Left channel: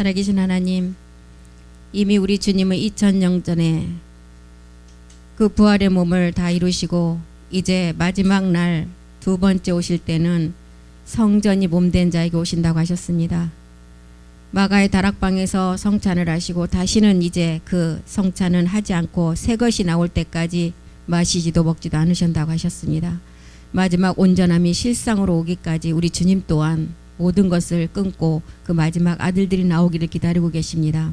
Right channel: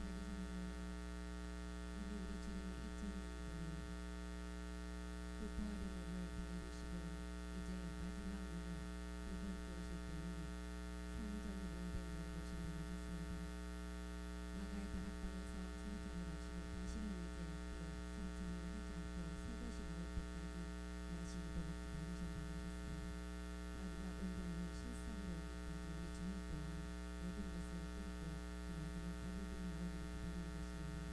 살아계신 하나님, 이미 우리 주님은 2000년 전에 그 부활의 몸을 다 이루시고 이제 마지막 날 두 번째 오실 때는 성전이 몸된 자에게 오신다고 하셨습니다. 마가의 다락방에서 성찬을 하시고 다시는 이제 그 성찬은 하지 않고 새 것이 나올 때까지 마시지도 먹지도 않으신다고 하셨습니다. 마지막 온전함이 실상으로 오기까지 우리 주님 또한 모든 것을 끊고 그 마지막 아들들이 나오기를 기다리고 계십니다.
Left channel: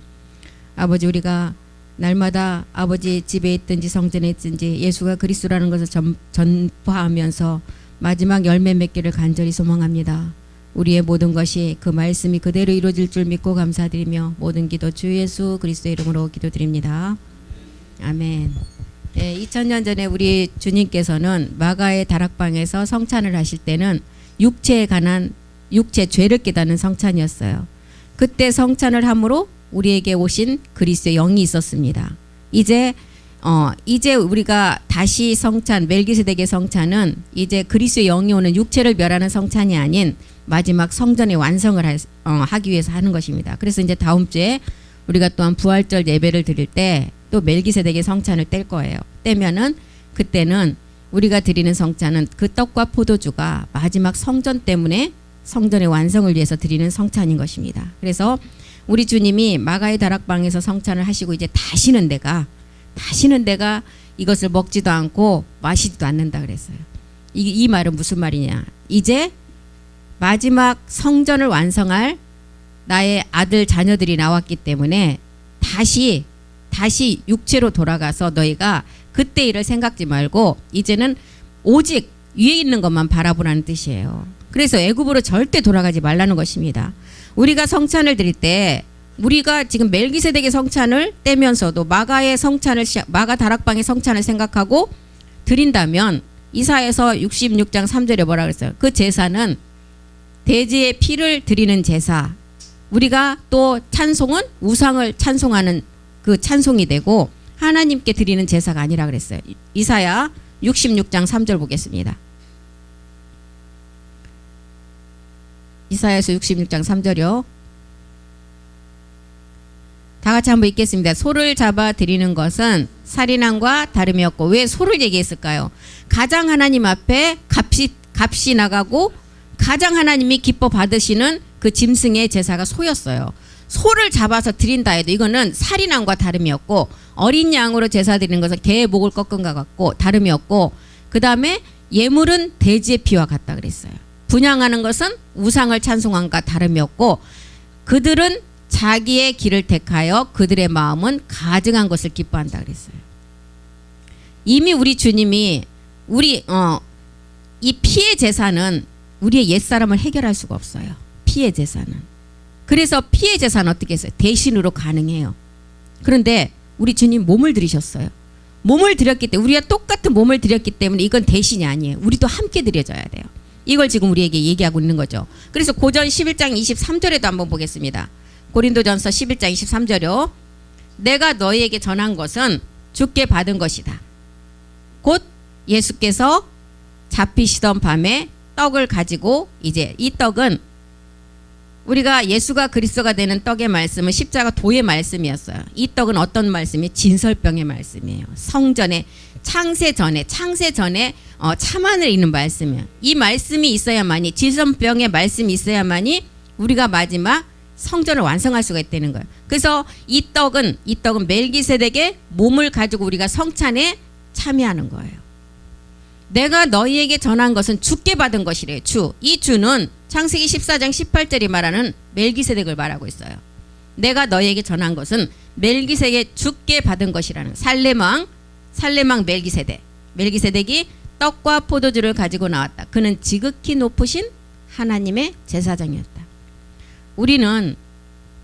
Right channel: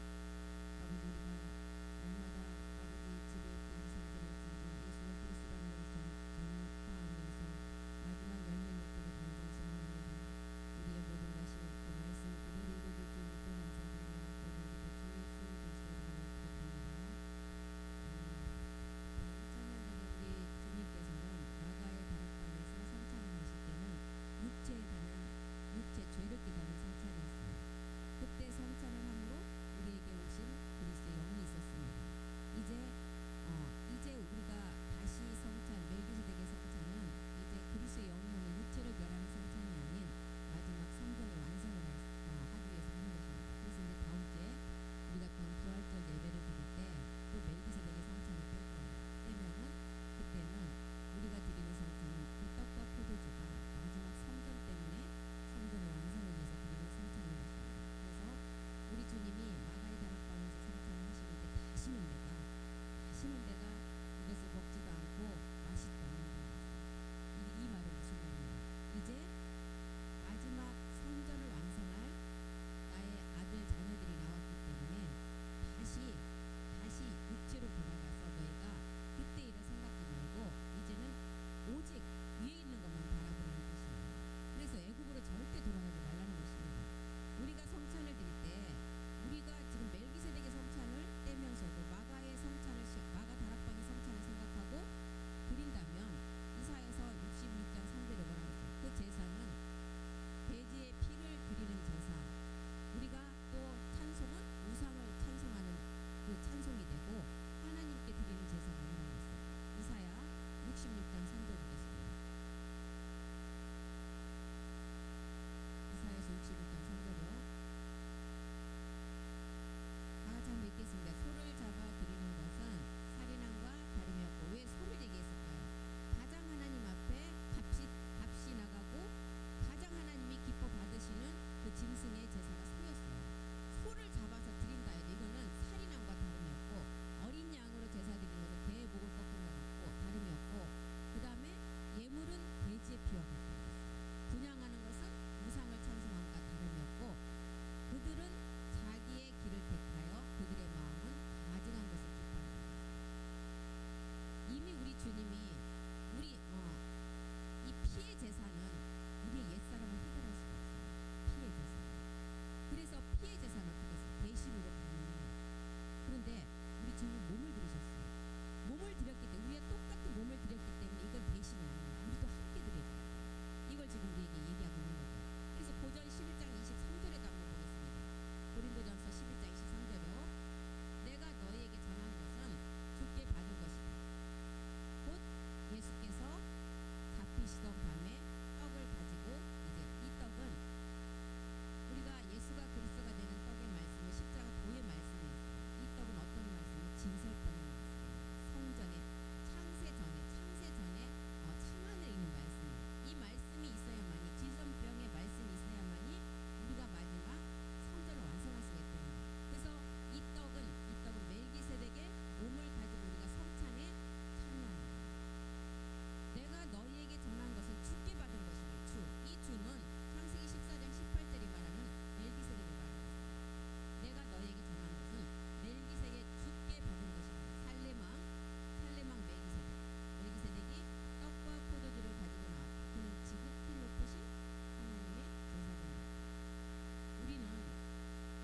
아버지, 우리가 날마다 아버지 집에 있든지 성전에 있든지 예수가 그리스도라는 것을 전파하면서 마지막 열매 맺기를 간절히 소망합니다. 우리의 모든 것이 그 말씀이 그대로 이루어질 줄 믿고 감사드리며 모든 기도 주 예수 그리스도의 이름으로 기도드립니다. 아멘. 네, 2000년 전에 우리 주님께서는 마가의 다락방에서 성찬을 하실 때는 육체에 관한 육체 죄를 깨닫는 성찬이었어요. 그때 성찬을 함으로 우리에게 오신 그리스도의 영이 있었습니다. 이제 우리가 다시 성찬, 멜기세덱의 성찬은 이제 그리스도의 영이 오는 육체를 멸하는 성찬이 아닌 마지막 성전의 완성을 하기 위해서 하는 것입니다. 그래서 이제 다음 주에 우리가 또한 부활절 예배를 드릴 때 또 멜기세덱의 성찬을 뗄 거예요. 떼면은 그때는 우리가 드리는 성찬은 그 떡과 포도주가 마지막 성전 때문에 성전의 완성을 위해서 드리는 성찬인 것입니다. 그래서 우리 주님이 마가의 다락방에서 성찬을 하시고 이제 다시는 내가 이것을 먹지도 않고 마시지도 않는다 그랬어요. 이 말은 무슨 말이냐? 이제 마지막 성전을 완성할 나의 아들 자녀들이 나왔기 때문에 다시 육체로 돌아가서 너희가 그때 일을 생각지 말고 이제는 오직 위에 있는 것만 바라보라는 뜻이에요. 그래서 애굽으로 절대 돌아가지 말라는 것입니다. 우리가 성찬을 드릴 때 우리가 지금 멜기세덱의 성찬을 떼면서도 마가 다락방의 성찬을 생각하고 드린다면 이사야서 66장 3절에 뭐라 그랬어요? 그 제사는 돼지의 피를 드리는 제사. 우리가 또 찬송은 우상을 찬송하는 그 찬송이 되고 하나님께 드리는 제사가 아니라 그랬어요. 이사야 66장 3절 보겠습니다. 이사야서 66장 3절이요. 다 같이 한번 읽겠습니다. 소를 잡아 드리는 것은 살인함과 다름이 없고. 왜 소를 얘기했을까요? 가장 하나님 앞에 값이 나가고 가장 하나님이 기뻐 받으시는 그 짐승의 제사가 소였어요. 소를 잡아서 드린다 해도 이거는 살인함과 다름이 없고, 어린 양으로 제사 드리는 것은 개의 목을 꺾은 것 같고 다름이 없고, 그 다음에 예물은 돼지의 피와 같다 그랬어요. 분향하는 것은 우상을 찬송함과 다름이 없고, 그들은 자기의 길을 택하여 그들의 마음은 가증한 것을 기뻐한다 그랬어요. 이미 우리 주님이 이 피의 제사는 우리의 옛사람을 해결할 수가 없어요. 피의 제사는. 그래서 피의 제사는 어떻게 했어요? 대신으로 가능해요. 그런데 우리 주님 몸을 드리셨어요. 몸을 드렸기 때문에, 우리가 똑같은 몸을 드렸기 때문에 이건 대신이 아니에요. 우리도 함께 드려져야 돼요. 이걸 지금 우리에게 얘기하고 있는 거죠. 그래서 고전 11장 23절에도 한번 보겠습니다. 고린도전서 11장 23절이요. 내가 너희에게 전한 것은 주께 받은 것이다. 곧 예수께서 잡히시던 밤에 떡을 가지고, 이제 이 떡은 우리가 예수가 그리스도가 되는 떡의 말씀은 십자가 도의 말씀이었어요. 이 떡은 어떤 말씀이? 진설병의 말씀이에요. 성전에 창세 전에 참안을 읽는 말씀이에요. 이 말씀이 있어야만이, 진설병의 말씀이 있어야만이 우리가 마지막 성전을 완성할 수가 있다는 거예요. 그래서 이 떡은 멜기세덱의 몸을 가지고 우리가 성찬에 참여하는 거예요. 내가 너희에게 전한 것은 주께 받은 것이래요. 이 주는 창세기 14장 18절이 말하는 멜기세덱을 말하고 있어요. 내가 너희에게 전한 것은 멜기세덱의 주께 받은 것이라는 살렘왕 멜기세덱이 떡과 포도주를 가지고 나왔다. 그는 지극히 높으신 하나님의 제사장이었다. 우리는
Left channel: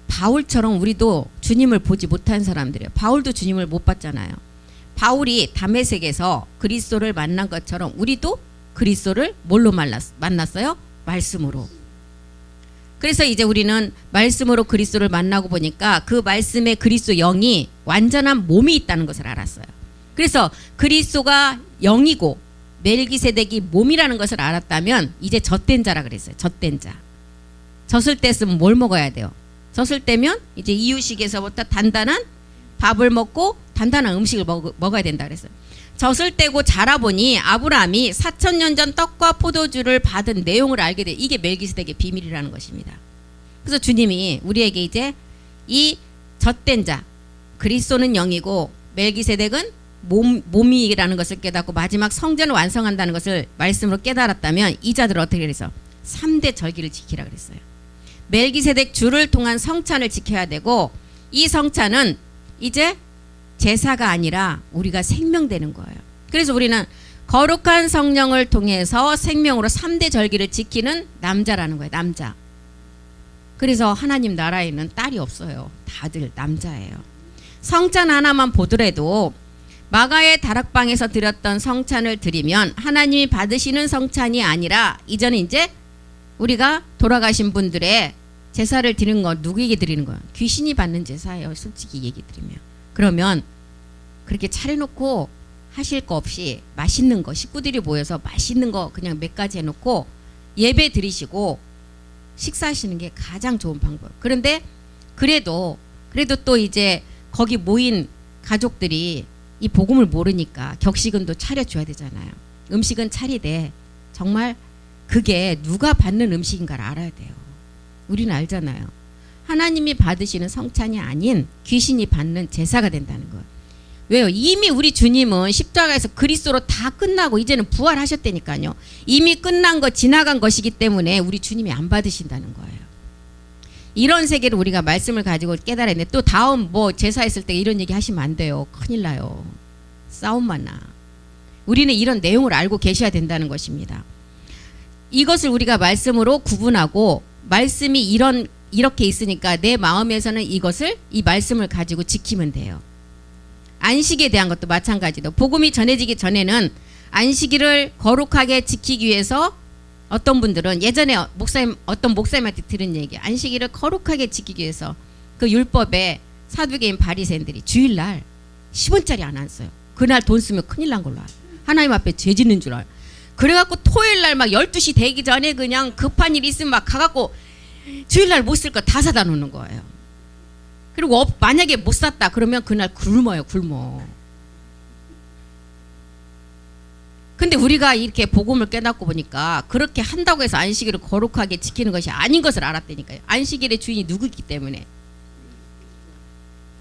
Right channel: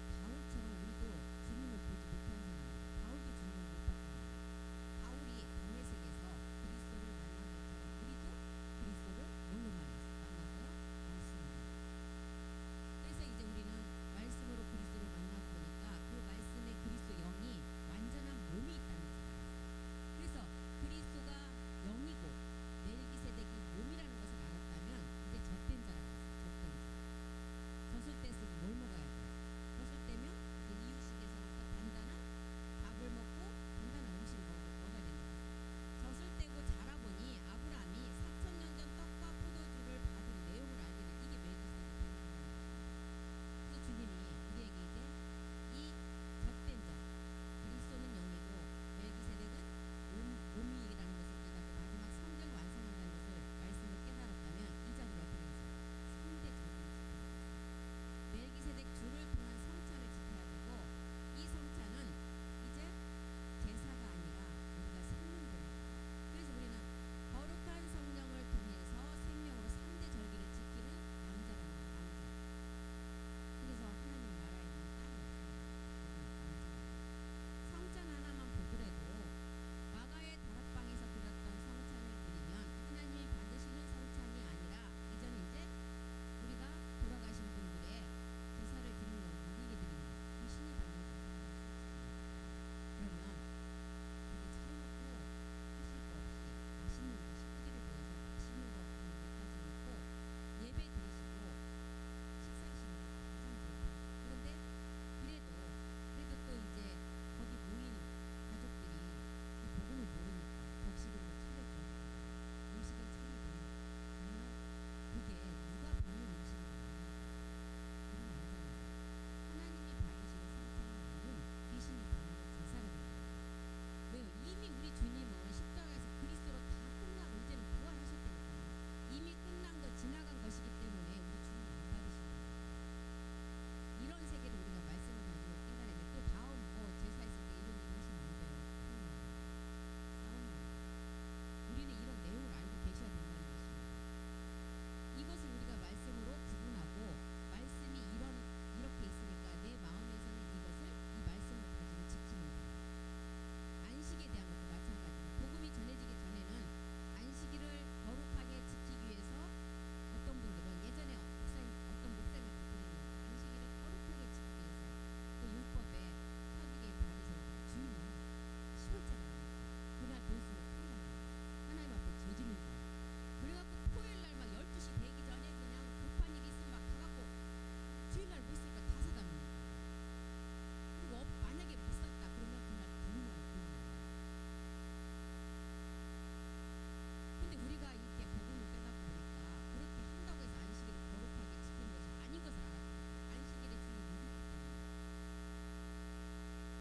바울처럼 우리도 주님을 보지 못한 사람들이에요. 바울도 주님을 못 봤잖아요. 바울이 다메섹에서 그리스도를 만난 것처럼 우리도 그리스도를 뭘로 만났어요? 말씀으로. 그래서 이제 우리는 말씀으로 그리스도를 만나고 보니까 그 말씀에 그리스도 영이 완전한 몸이 있다는 것을 알았어요. 그래서 그리스도가 영이고 멜기세덱이 몸이라는 것을 알았다면 이제 젖된 자라 그랬어요. 젖된 자. 젖을 뗐으면 뭘 먹어야 돼요? 젖을 때면 이제 이유식에서부터 단단한 밥을 먹고 단단한 음식을 먹어야 된다 그랬어요. 젖을 떼고 자라보니 아브라함이 4,000년 전 떡과 포도주를 받은 내용을 알게 돼. 이게 멜기세덱의 비밀이라는 것입니다. 그래서 주님이 우리에게 이제 이 젖된 자, 그리스도는 영이고 멜기세덱은 몸이라는 것을 깨닫고 마지막 성전을 완성한다는 것을 말씀으로 깨달았다면 이 자들을 어떻게 그래서 3대 절기를 지키라 그랬어요. 멜기세덱 주를 통한 성찬을 지켜야 되고, 이 성찬은 이제 제사가 아니라 우리가 생명되는 거예요. 그래서 우리는 거룩한 성령을 통해서 생명으로 3대 절기를 지키는 남자라는 거예요. 남자. 그래서 하나님 나라에는 딸이 없어요. 다들 남자예요. 성찬 하나만 보더라도 마가의 다락방에서 드렸던 성찬을 드리면 하나님이 받으시는 성찬이 아니라 이제는 이제 우리가 돌아가신 분들의 제사를 드리는 거 누구에게 드리는 거예요? 귀신이 받는 제사예요. 솔직히 얘기 드리면. 그러면 그렇게 차려놓고 하실 거 없이 맛있는 거, 식구들이 모여서 맛있는 거 그냥 몇 가지 해놓고 예배 드리시고 식사하시는 게 가장 좋은 방법. 그런데 그래도 또 이제 거기 모인 가족들이 이 복음을 모르니까 격식은 또 차려줘야 되잖아요. 음식은 차리되 정말 그게 누가 받는 음식인가를 알아야 돼요. 우리는 알잖아요. 하나님이 받으시는 성찬이 아닌 귀신이 받는 제사가 된다는 거예요. 왜요? 이미 우리 주님은 십자가에서 그리스도로 다 끝나고 이제는 부활하셨다니까요. 이미 끝난 거 지나간 것이기 때문에 우리 주님이 안 받으신다는 거예요. 이런 세계를 우리가 말씀을 가지고 깨달아야 돼. 또 다음 뭐 제사했을 때 이런 얘기 하시면 안 돼요. 큰일 나요. 싸움만 나. 우리는 이런 내용을 알고 계셔야 된다는 것입니다. 이것을 우리가 말씀으로 구분하고, 말씀이 이렇게 있으니까 내 마음에서는 이 말씀을 가지고 지키면 돼요. 안식에 대한 것도 마찬가지로 복음이 전해지기 전에는 안식일을 거룩하게 지키기 위해서 어떤 분들은 예전에 어떤 목사님한테 들은 얘기, 안식일을 거룩하게 지키기 위해서 그 율법에 사두개인 바리새인들이 주일날 10원짜리 안 써요. 그날 돈 쓰면 큰일 난 걸로 알아요. 하나님 앞에 죄 짓는 줄 알아요. 그래갖고 토요일날 막 12시 되기 전에 그냥 급한 일 있으면 막 가갖고 주일날 못 쓸 거 다 사다 놓는 거예요. 그리고 만약에 못 샀다 그러면 그날 굶어요. 근데 우리가 이렇게 복음을 깨닫고 보니까 그렇게 한다고 해서 안식일을 거룩하게 지키는 것이 아닌 것을 알았다니까요. 안식일의 주인이 누구이기 때문에.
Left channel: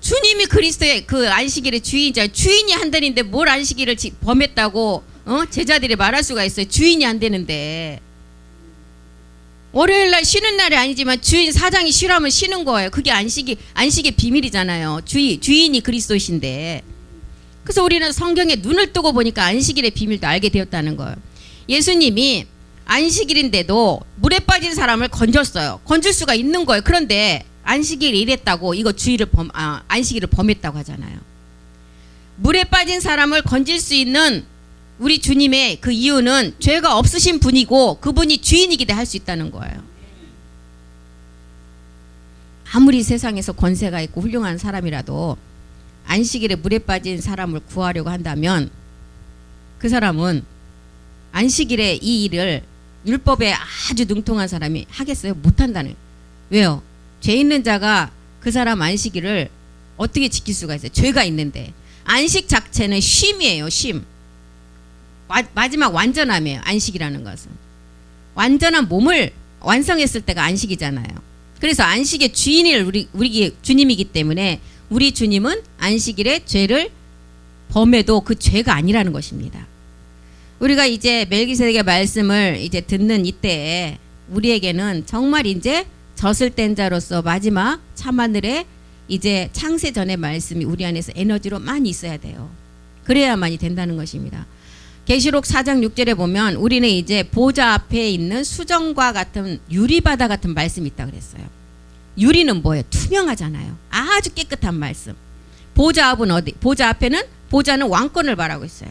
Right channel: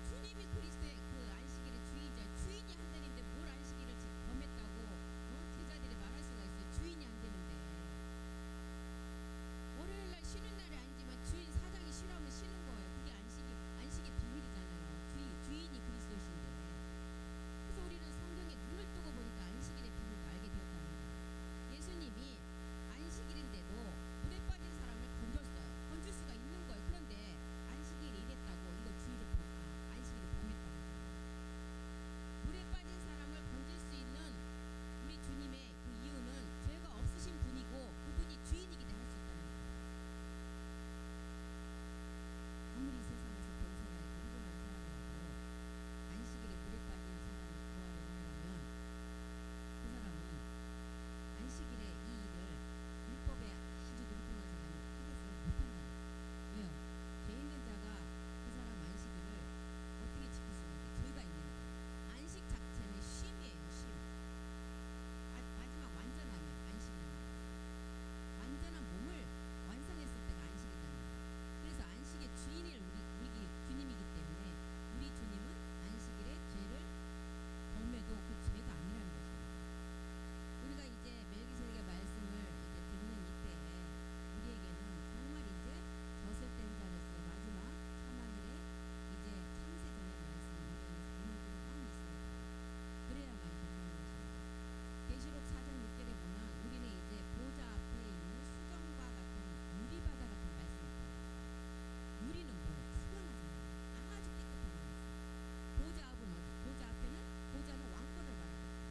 주님이 그리스도의 그 안식일의 주인이잖아요. 주인이 한다는데 뭘 안식일을 범했다고 제자들이 말할 수가 있어요. 주인이 안 되는데. 월요일날 쉬는 날이 아니지만 주인 사장이 쉬라면 쉬는 거예요. 그게 안식의 비밀이잖아요. 주인이 그리스도이신데. 그래서 우리는 성경에 눈을 뜨고 보니까 안식일의 비밀도 알게 되었다는 거예요. 예수님이 안식일인데도 물에 빠진 사람을 건졌어요. 건질 수가 있는 거예요. 그런데 안식일이 이랬다고 이거 안식일을 범했다고 하잖아요. 물에 빠진 사람을 건질 수 있는 우리 주님의 그 이유는 죄가 없으신 분이고 그분이 주인이기 때문에 할 수 있다는 거예요. 아무리 세상에서 권세가 있고 훌륭한 사람이라도 안식일에 물에 빠진 사람을 구하려고 한다면 그 사람은 안식일에 이 일을 율법에 아주 능통한 사람이 하겠어요? 못한다는. 왜요? 죄 있는 자가 그 사람 안식일을 어떻게 지킬 수가 있어요? 죄가 있는데. 안식 자체는 쉼이에요. 쉼. 마지막 완전함이에요. 안식이라는 것은. 완전한 몸을 완성했을 때가 안식이잖아요. 그래서 안식의 주인이 우리 주님이기 때문에 우리 주님은 안식일에 죄를 범해도 그 죄가 아니라는 것입니다. 우리가 이제 멜기세덱의 말씀을 이제 듣는 이때에 우리에게는 정말 이제 젖을 뗀 자로서 마지막 참하늘의 이제 창세 전의 말씀이 우리 안에서 에너지로 많이 있어야 돼요. 그래야만이 된다는 것입니다. 계시록 4장 6절에 보면 우리는 이제 보좌 앞에 있는 수정과 같은 유리바다 같은 말씀이 있다고 그랬어요. 유리는 뭐예요? 투명하잖아요. 아주 깨끗한 말씀. 보좌 앞은 어디? 보좌 앞에는 보좌는 왕권을 말하고 있어요.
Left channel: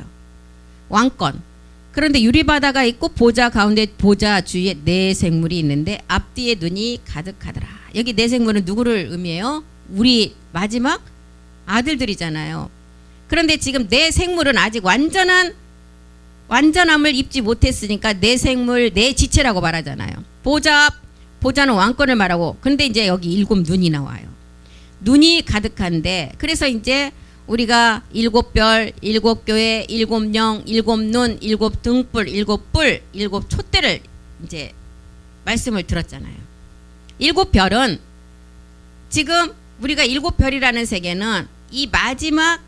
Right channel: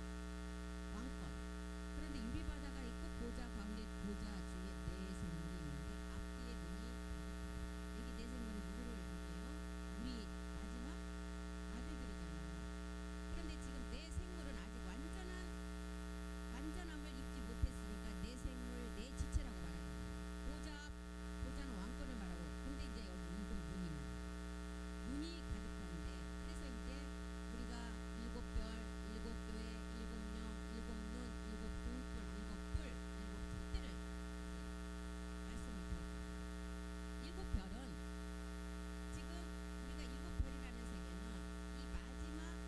왕권. 그런데 유리바다가 있고 보좌 가운데 보좌 주위에 네 생물이 있는데 앞뒤에 눈이 가득하더라. 여기 네 생물은 누구를 의미해요? 우리 마지막 아들들이잖아요. 그런데 지금 네 생물은 아직 완전함을 입지 못했으니까 네 생물 네 지체라고 말하잖아요. 보좌 앞 보좌는 왕권을 말하고, 근데 이제 여기 일곱 눈이 나와요. 눈이 가득한데, 그래서 이제 우리가 일곱 별, 일곱 교회, 일곱 영, 일곱 눈, 일곱 등불, 일곱 뿔, 일곱 촛대를 이제 말씀을 들었잖아요. 일곱 별은 지금 우리가 일곱 별이라는 세계는 이 마지막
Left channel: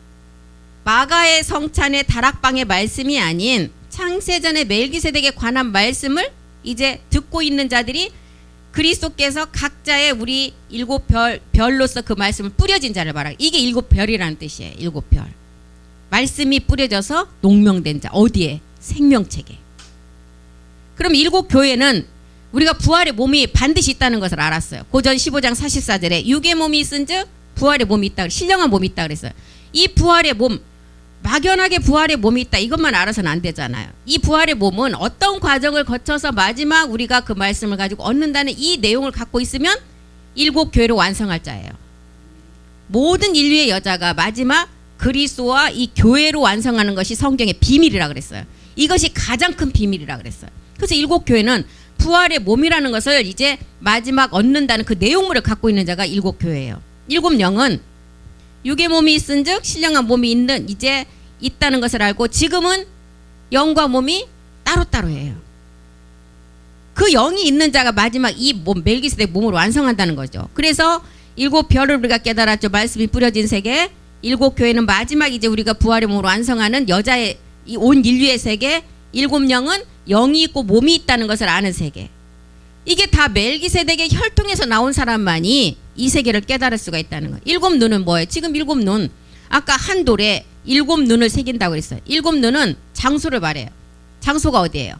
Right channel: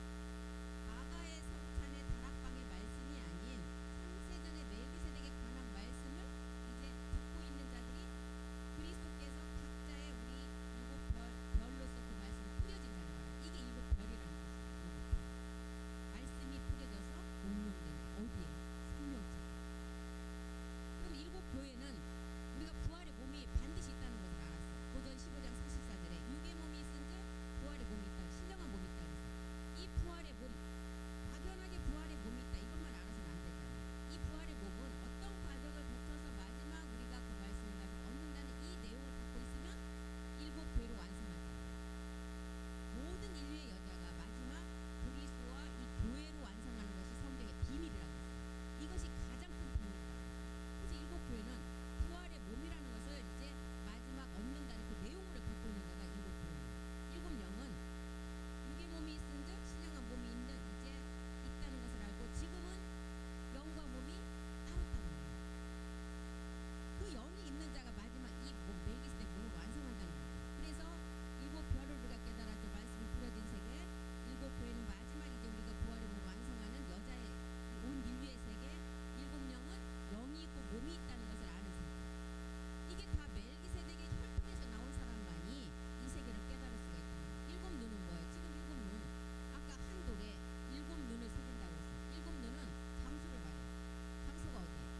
마가의 성찬의 다락방의 말씀이 아닌 창세전의 멜기세덱에 관한 말씀을 이제 듣고 있는 자들이 그리스도께서 각자의 우리 일곱 별로서 그 말씀을 뿌려진 자를 말하고, 이게 일곱 별이라는 뜻이에요. 일곱 별. 말씀이 뿌려져서 농명된 자. 어디에? 생명책에. 그럼 일곱 교회는 우리가 부활의 몸이 반드시 있다는 것을 알았어요. 고전 15장 44절에 육의 몸이 있은즉 부활의 몸이 있다. 신령한 몸이 있다 그랬어요. 이 부활의 몸, 막연하게 부활의 몸이 있다, 이것만 알아서는 안 되잖아요. 이 부활의 몸은 어떤 과정을 거쳐서 마지막 우리가 그 말씀을 가지고 얻는다는 이 내용을 갖고 있으면 일곱 교회를 완성할 자예요. 모든 인류의 여자가 마지막 그리스도와 이 교회로 완성하는 것이 성경의 비밀이라 그랬어요. 이것이 가장 큰 비밀이라 그랬어요. 그래서 일곱 교회는 부활의 몸이라는 것을 이제 마지막 얻는다는 그 내용물을 갖고 있는 자가 일곱 교회예요. 일곱 영은 육의 몸이 있은즉 신령한 몸이 있는 이제 있다는 것을 알고, 지금은 영과 몸이 따로따로예요. 그 영이 있는 자가 마지막 이 몸 멜기세덱 몸으로 완성한다는 거죠. 그래서 일곱 별을 우리가 깨달았죠. 말씀이 뿌려진 세계. 일곱 교회는 마지막 이제 우리가 부활의 몸으로 완성하는 여자의 이 온 인류의 세계. 일곱 영은 영이 있고 몸이 있다는 것을 아는 세계. 이게 다 멜기세덱의 혈통에서 나온 사람만이 이 세계를 깨달을 수가 있다는 거예요. 일곱 눈은 뭐예요? 지금 일곱 눈, 아까 한 돌에 일곱 눈을 새긴다고 그랬어요. 일곱 눈은 장소를 말해요. 장소가 어디예요?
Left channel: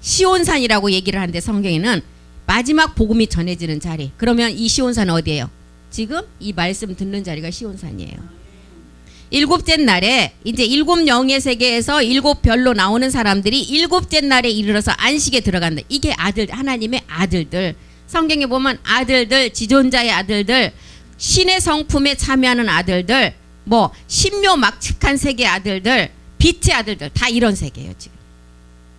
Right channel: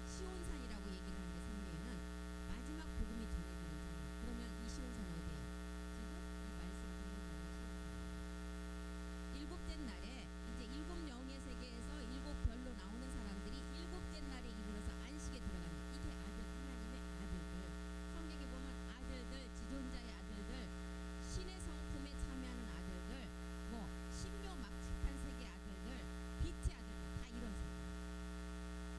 시온산이라고 얘기를 하는데 성경에는 마지막 복음이 전해지는 자리. 그러면 이 시온산은 어디예요? 지금 이 말씀 듣는 자리가 시온산이에요. 일곱째 날에 이제 일곱 영의 세계에서 일곱 별로 나오는 사람들이 일곱째 날에 이르러서 안식에 들어간다. 이게 아들, 하나님의 아들들. 성경에 보면 아들들, 지존자의 아들들, 신의 성품에 참여하는 아들들, 뭐 신묘막측한 세계의 아들들, 빛의 아들들, 다 이런 세계예요 지금.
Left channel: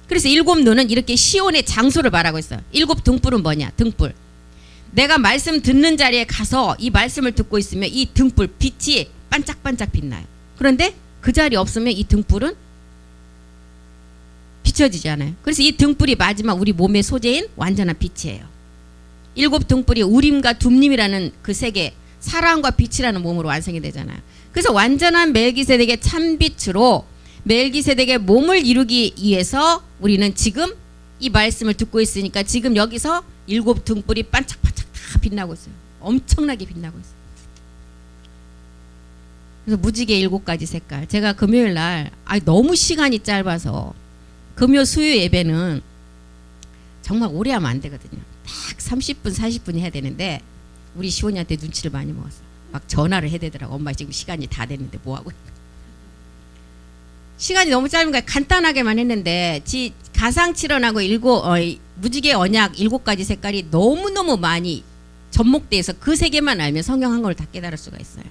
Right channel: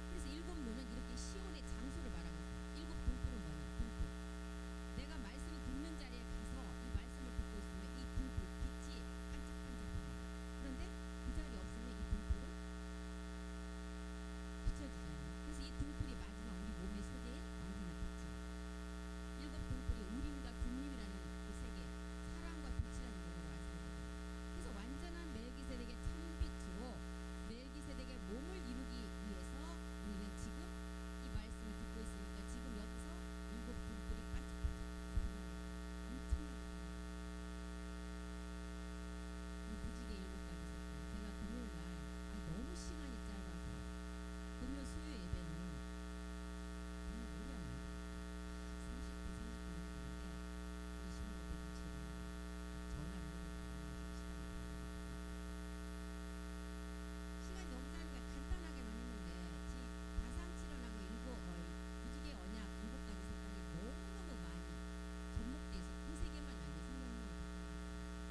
그래서 일곱 눈은 이렇게 시온의 장소를 말하고 있어요. 일곱 등불은 뭐냐? 등불. 내가 말씀 듣는 자리에 가서 이 말씀을 듣고 있으면 이 등불 빛이 반짝반짝 빛나요. 그런데 그 자리 없으면 이 등불은 비춰지지 않아요. 그래서 이 등불이 마지막 우리 몸의 소재인 완전한 빛이에요. 일곱 등불이 우림과 둠림이라는 그 세계, 사랑과 빛이라는 몸으로 완성이 되잖아요. 그래서 완전한 멜기세덱의 참빛으로 멜기세덱의 몸을 이루기 위해서 우리는 지금 이 말씀을 듣고 있으니까 지금 여기서 일곱 등불이 반짝반짝 다 빛나고 있어요. 엄청나게 빛나고 있어요. 그래서 무지개 일곱 가지 색깔. 제가 금요일 날 너무 시간이 짧아서 금요 수요 예배는 정말 오래 하면 안 되거든요. 딱 30분 40분 해야 되는데 우리 시온이한테 눈치를 많이 먹었어. 막 전화를 해야 되더라고. 엄마 지금 시간이 다 됐는데 뭐하고. 시간이 너무 짧은 거야. 간단하게만 했는데 가상칠언하고 무지개 언약 일곱 가지 색깔이 너무너무 많이 접목돼서 그 세 개만 알면 성경 한 걸 다 깨달을 수가 있어요.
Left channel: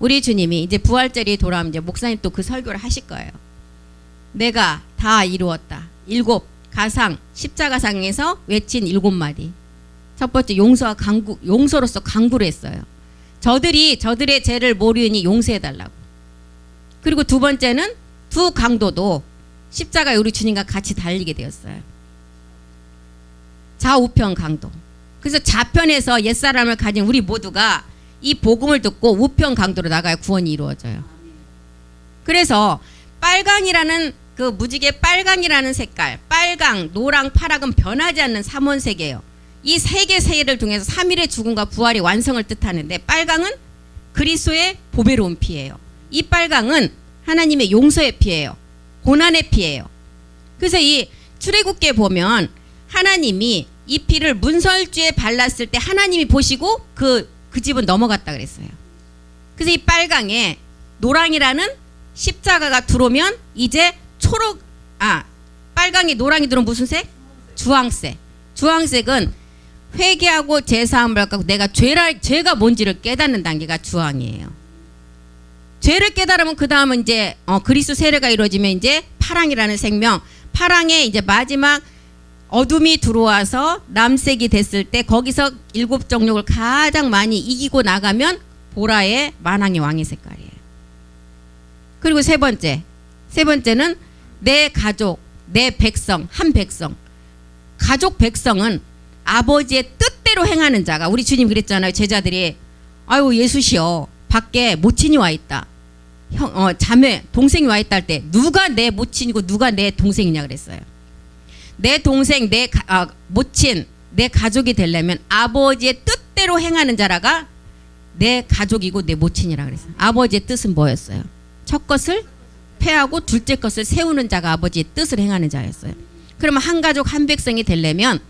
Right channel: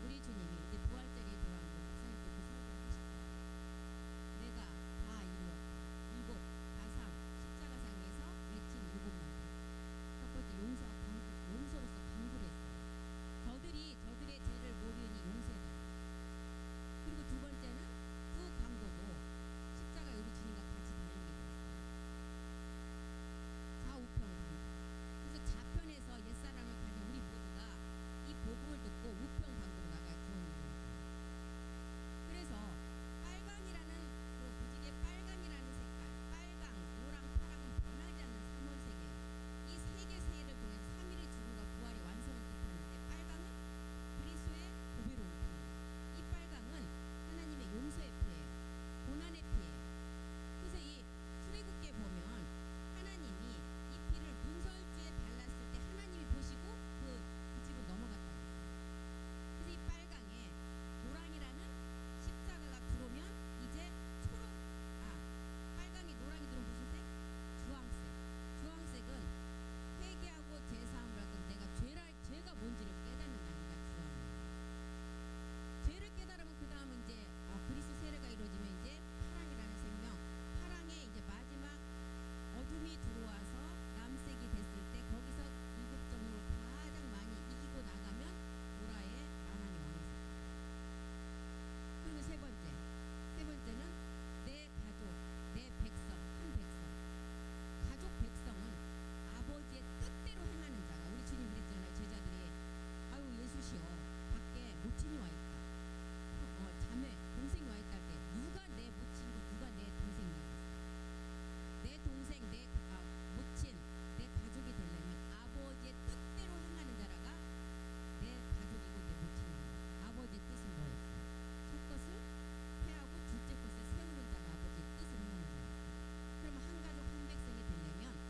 우리 주님이 이제 부활절이 돌아오면 이제 목사님 또 그 설교를 하실 거예요. 내가 다 이루었다. 일곱 가상 십자가상에서 외친 일곱 마디. 첫 번째 용서와 강구, 용서로서 강구를 했어요. 저들의 죄를 모르니 용서해달라고. 그리고 두 번째는 두 강도도 십자가에 우리 주님과 같이 달리게 되었어요. 좌우편 강도. 그래서 좌편에서 옛사람을 가진 우리 모두가 이 복음을 듣고 우편 강도로 나가야 구원이 이루어져요. 그래서 빨강이라는 그 무지개 빨강이라는 색깔, 빨강, 노랑, 파랑은 변하지 않는 삼원색이에요. 이 세 개 세계를 통해서 3일의 죽음과 부활의 완성을 뜻하는데, 빨강은 그리스도의 보배로운 피예요. 이 빨강은 하나님의 용서의 피예요. 고난의 피예요. 그래서 이 출애굽기에 보면 하나님이 이 피를 문설주에 발랐을 때 하나님이 보시고 그 집은 넘어갔다 그랬어요. 그래서 이 빨강에 노랑이라는 십자가가 들어오면 이제 빨강이 노랑이 들어오면 무슨 색? 주황색. 주황색은 회개하고 제사함을 갖고 내가 죄가 뭔지를 깨닫는 단계가 주황이에요. 죄를 깨달으면 그 다음은 이제 그리스도 세례가 이루어지면 이제 파랑이라는 생명, 파랑의 이제 마지막 어둠이 들어와서 남색이 됐을 때 거기서 일곱 정욕을 가장 많이 이기고 나가면 보라의 만왕의 왕의 색깔이에요. 그리고 세 번째는 내 가족, 내 백성, 한 백성. 가족 백성은 아버지의 뜻대로 행하는 자가, 우리 주님 그랬잖아요. 제자들이 아유 예수시여 밖에 모친이 와 있다. 자매 동생이 와 있다 할 때 누가 내 모친이고 누가 내 동생이냐 그랬어요. 내 동생, 내 모친, 내 가족이 되려면 아버지의 뜻대로 행하는 자라가 내 가족이고 내 모친이라 그랬어요. 아버지의 뜻은 뭐였어요? 첫 것을 패하고 둘째 것을 세우는 자가 아버지의 뜻을 행하는 자였어요. 그러면 한 가족 한 백성이 되려면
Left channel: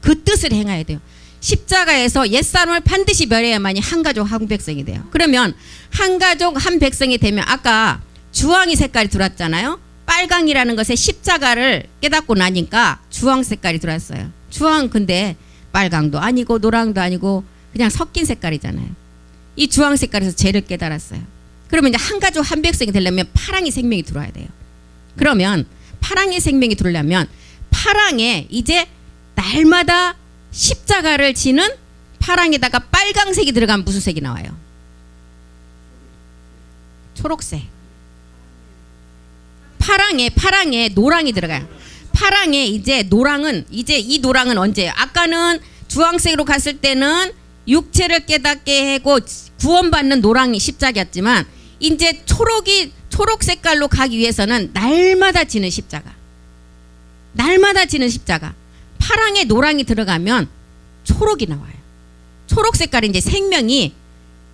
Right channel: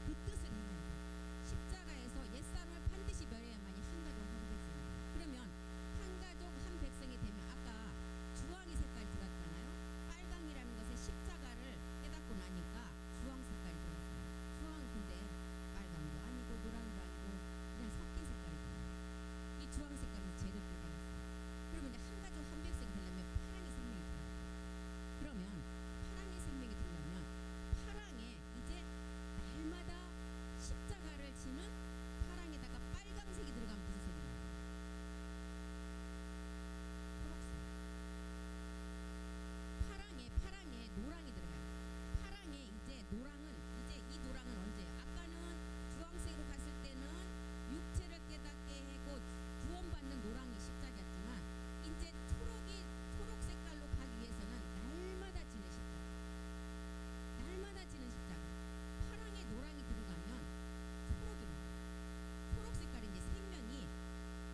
그 뜻을 행해야 돼요. 십자가에서 옛사람을 반드시 멸해야만이 한 가족 한 백성이 돼요. 그러면 한 가족 한 백성이 되면 아까 주황이 색깔이 들어왔잖아요. 빨강이라는 것에 십자가를 깨닫고 나니까 주황 색깔이 들어왔어요. 주황 근데 빨강도 아니고 노랑도 아니고 그냥 섞인 색깔이잖아요. 이 주황 색깔에서 죄를 깨달았어요. 그러면 이제 한 가족 한 백성이 되려면 파랑의 생명이 들어와야 돼요. 그러면 파랑의 생명이 들어오려면 파랑에 이제 날마다 십자가를 지는 파랑에다가 빨강색이 들어가면 무슨 색이 나와요? 초록색. 파랑에 노랑이 들어가요. 파랑에 이제 노랑은 이제 이 노랑은 언제예요? 아까는 주황색으로 갔을 때는 육체를 깨닫게 하고 구원받는 노랑이 십자가였지만 이제 초록 색깔로 가기 위해서는 날마다 지는 십자가. 날마다 지는 십자가. 파랑에 노랑이 들어가면 초록이 나와요. 초록 색깔이 이제 생명이